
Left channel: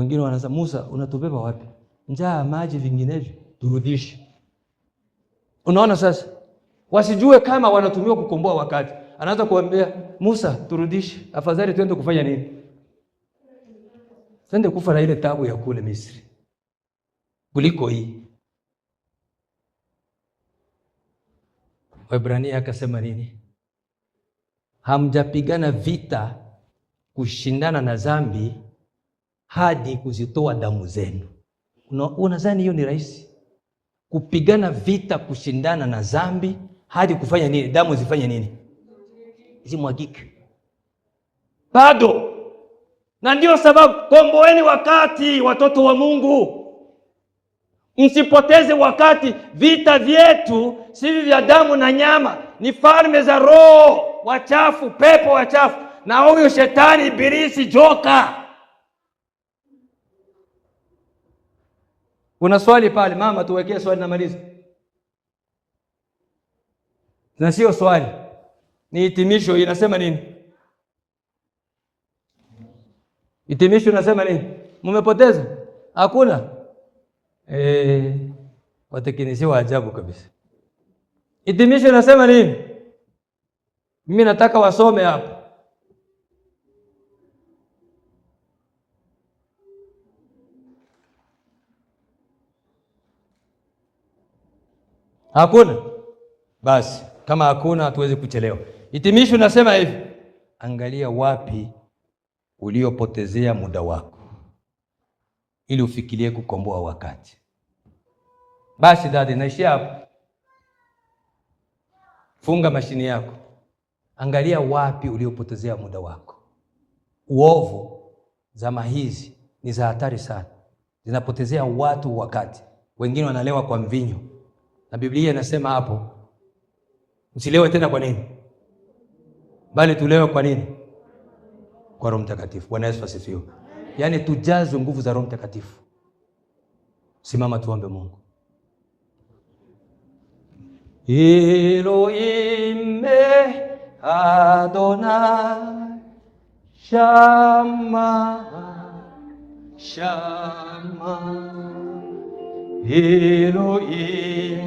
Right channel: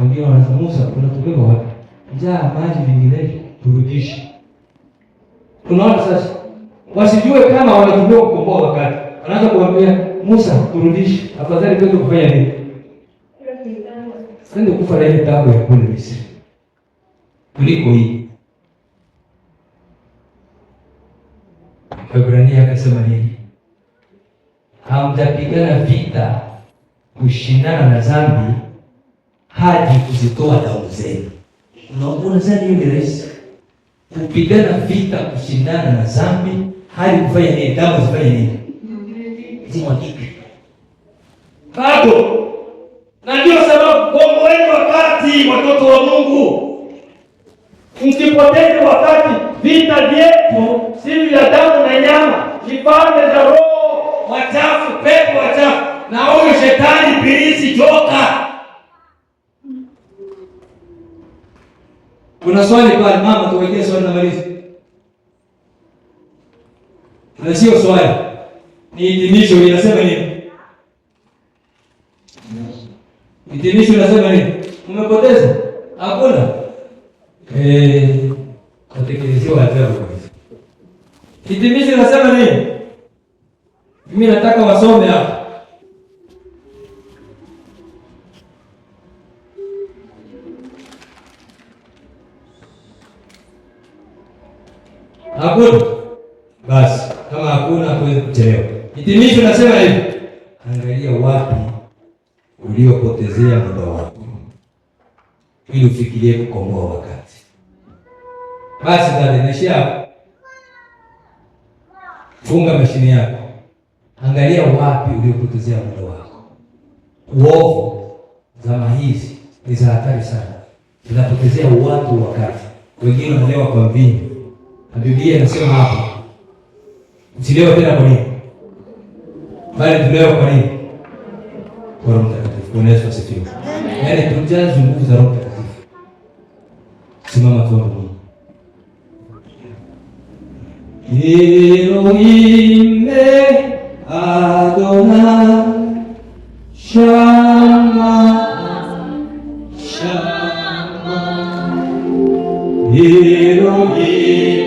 wengine wanasema, Musa unatubeba wapi? Njaa, maji, vinginevyo turudishe. Unaona sasa? Wasijue kama wanatubeba kukomboa wakati. Anaanza kuambia Musa, turudishe. Afadhali twende kufanya nini? Sasa kufa na ile tabu ya kwenda Misri kuliko hii. Waebrania akasema nini? Hamjapigana vita kushindana na dhambi hadi kuzitoa damu zenu. Unaona sasa hiyo ni rahisi. Kupigana vita kushindana na dhambi hadi kufanya nini? Damu zifanye nini? Zimwagike. Bado. Na ndio sababu komboeni wakati, watoto wa Mungu. Msipoteze wakati. Vita vyetu si vya damu na nyama, ni falme za roho wachafu, pepo wachafu, na huyo shetani ibilisi joka. Kuna swali pale mama, tuwekee swali na maliza. Na sio swali, ni hitimisho. Inasema nini? Hitimisho inasema nini? Mmepoteza? Hakuna. Watekelezaji wa ajabu kabisa. Hitimisho inasema nini? Mimi nataka wasome hapa. Hakuna? Basi, kama hakuna hatuwezi kuchelewa. Hitimisho nasema hivi. Angalia wapi uliopotezea muda wako, ili ufikirie kukomboa wakati. Basi dada, naishia hapo. Funga mashine yako. Angalia wapi uliopotezea muda wako. Uovu zama hizi ni za hatari sana. Zinapotezea watu wakati. Wengine wanalewa kwa mvinyo. Na Biblia inasema hapo, msilewe tena kwa nini? Bali tulewe kwa nini? Kwa Roho Mtakatifu. Bwana Yesu asifiwe. Yaani tujaze nguvu za Roho Mtakatifu. Simama tuombe Mungu. Elohim Adonai Shama Shama Elohim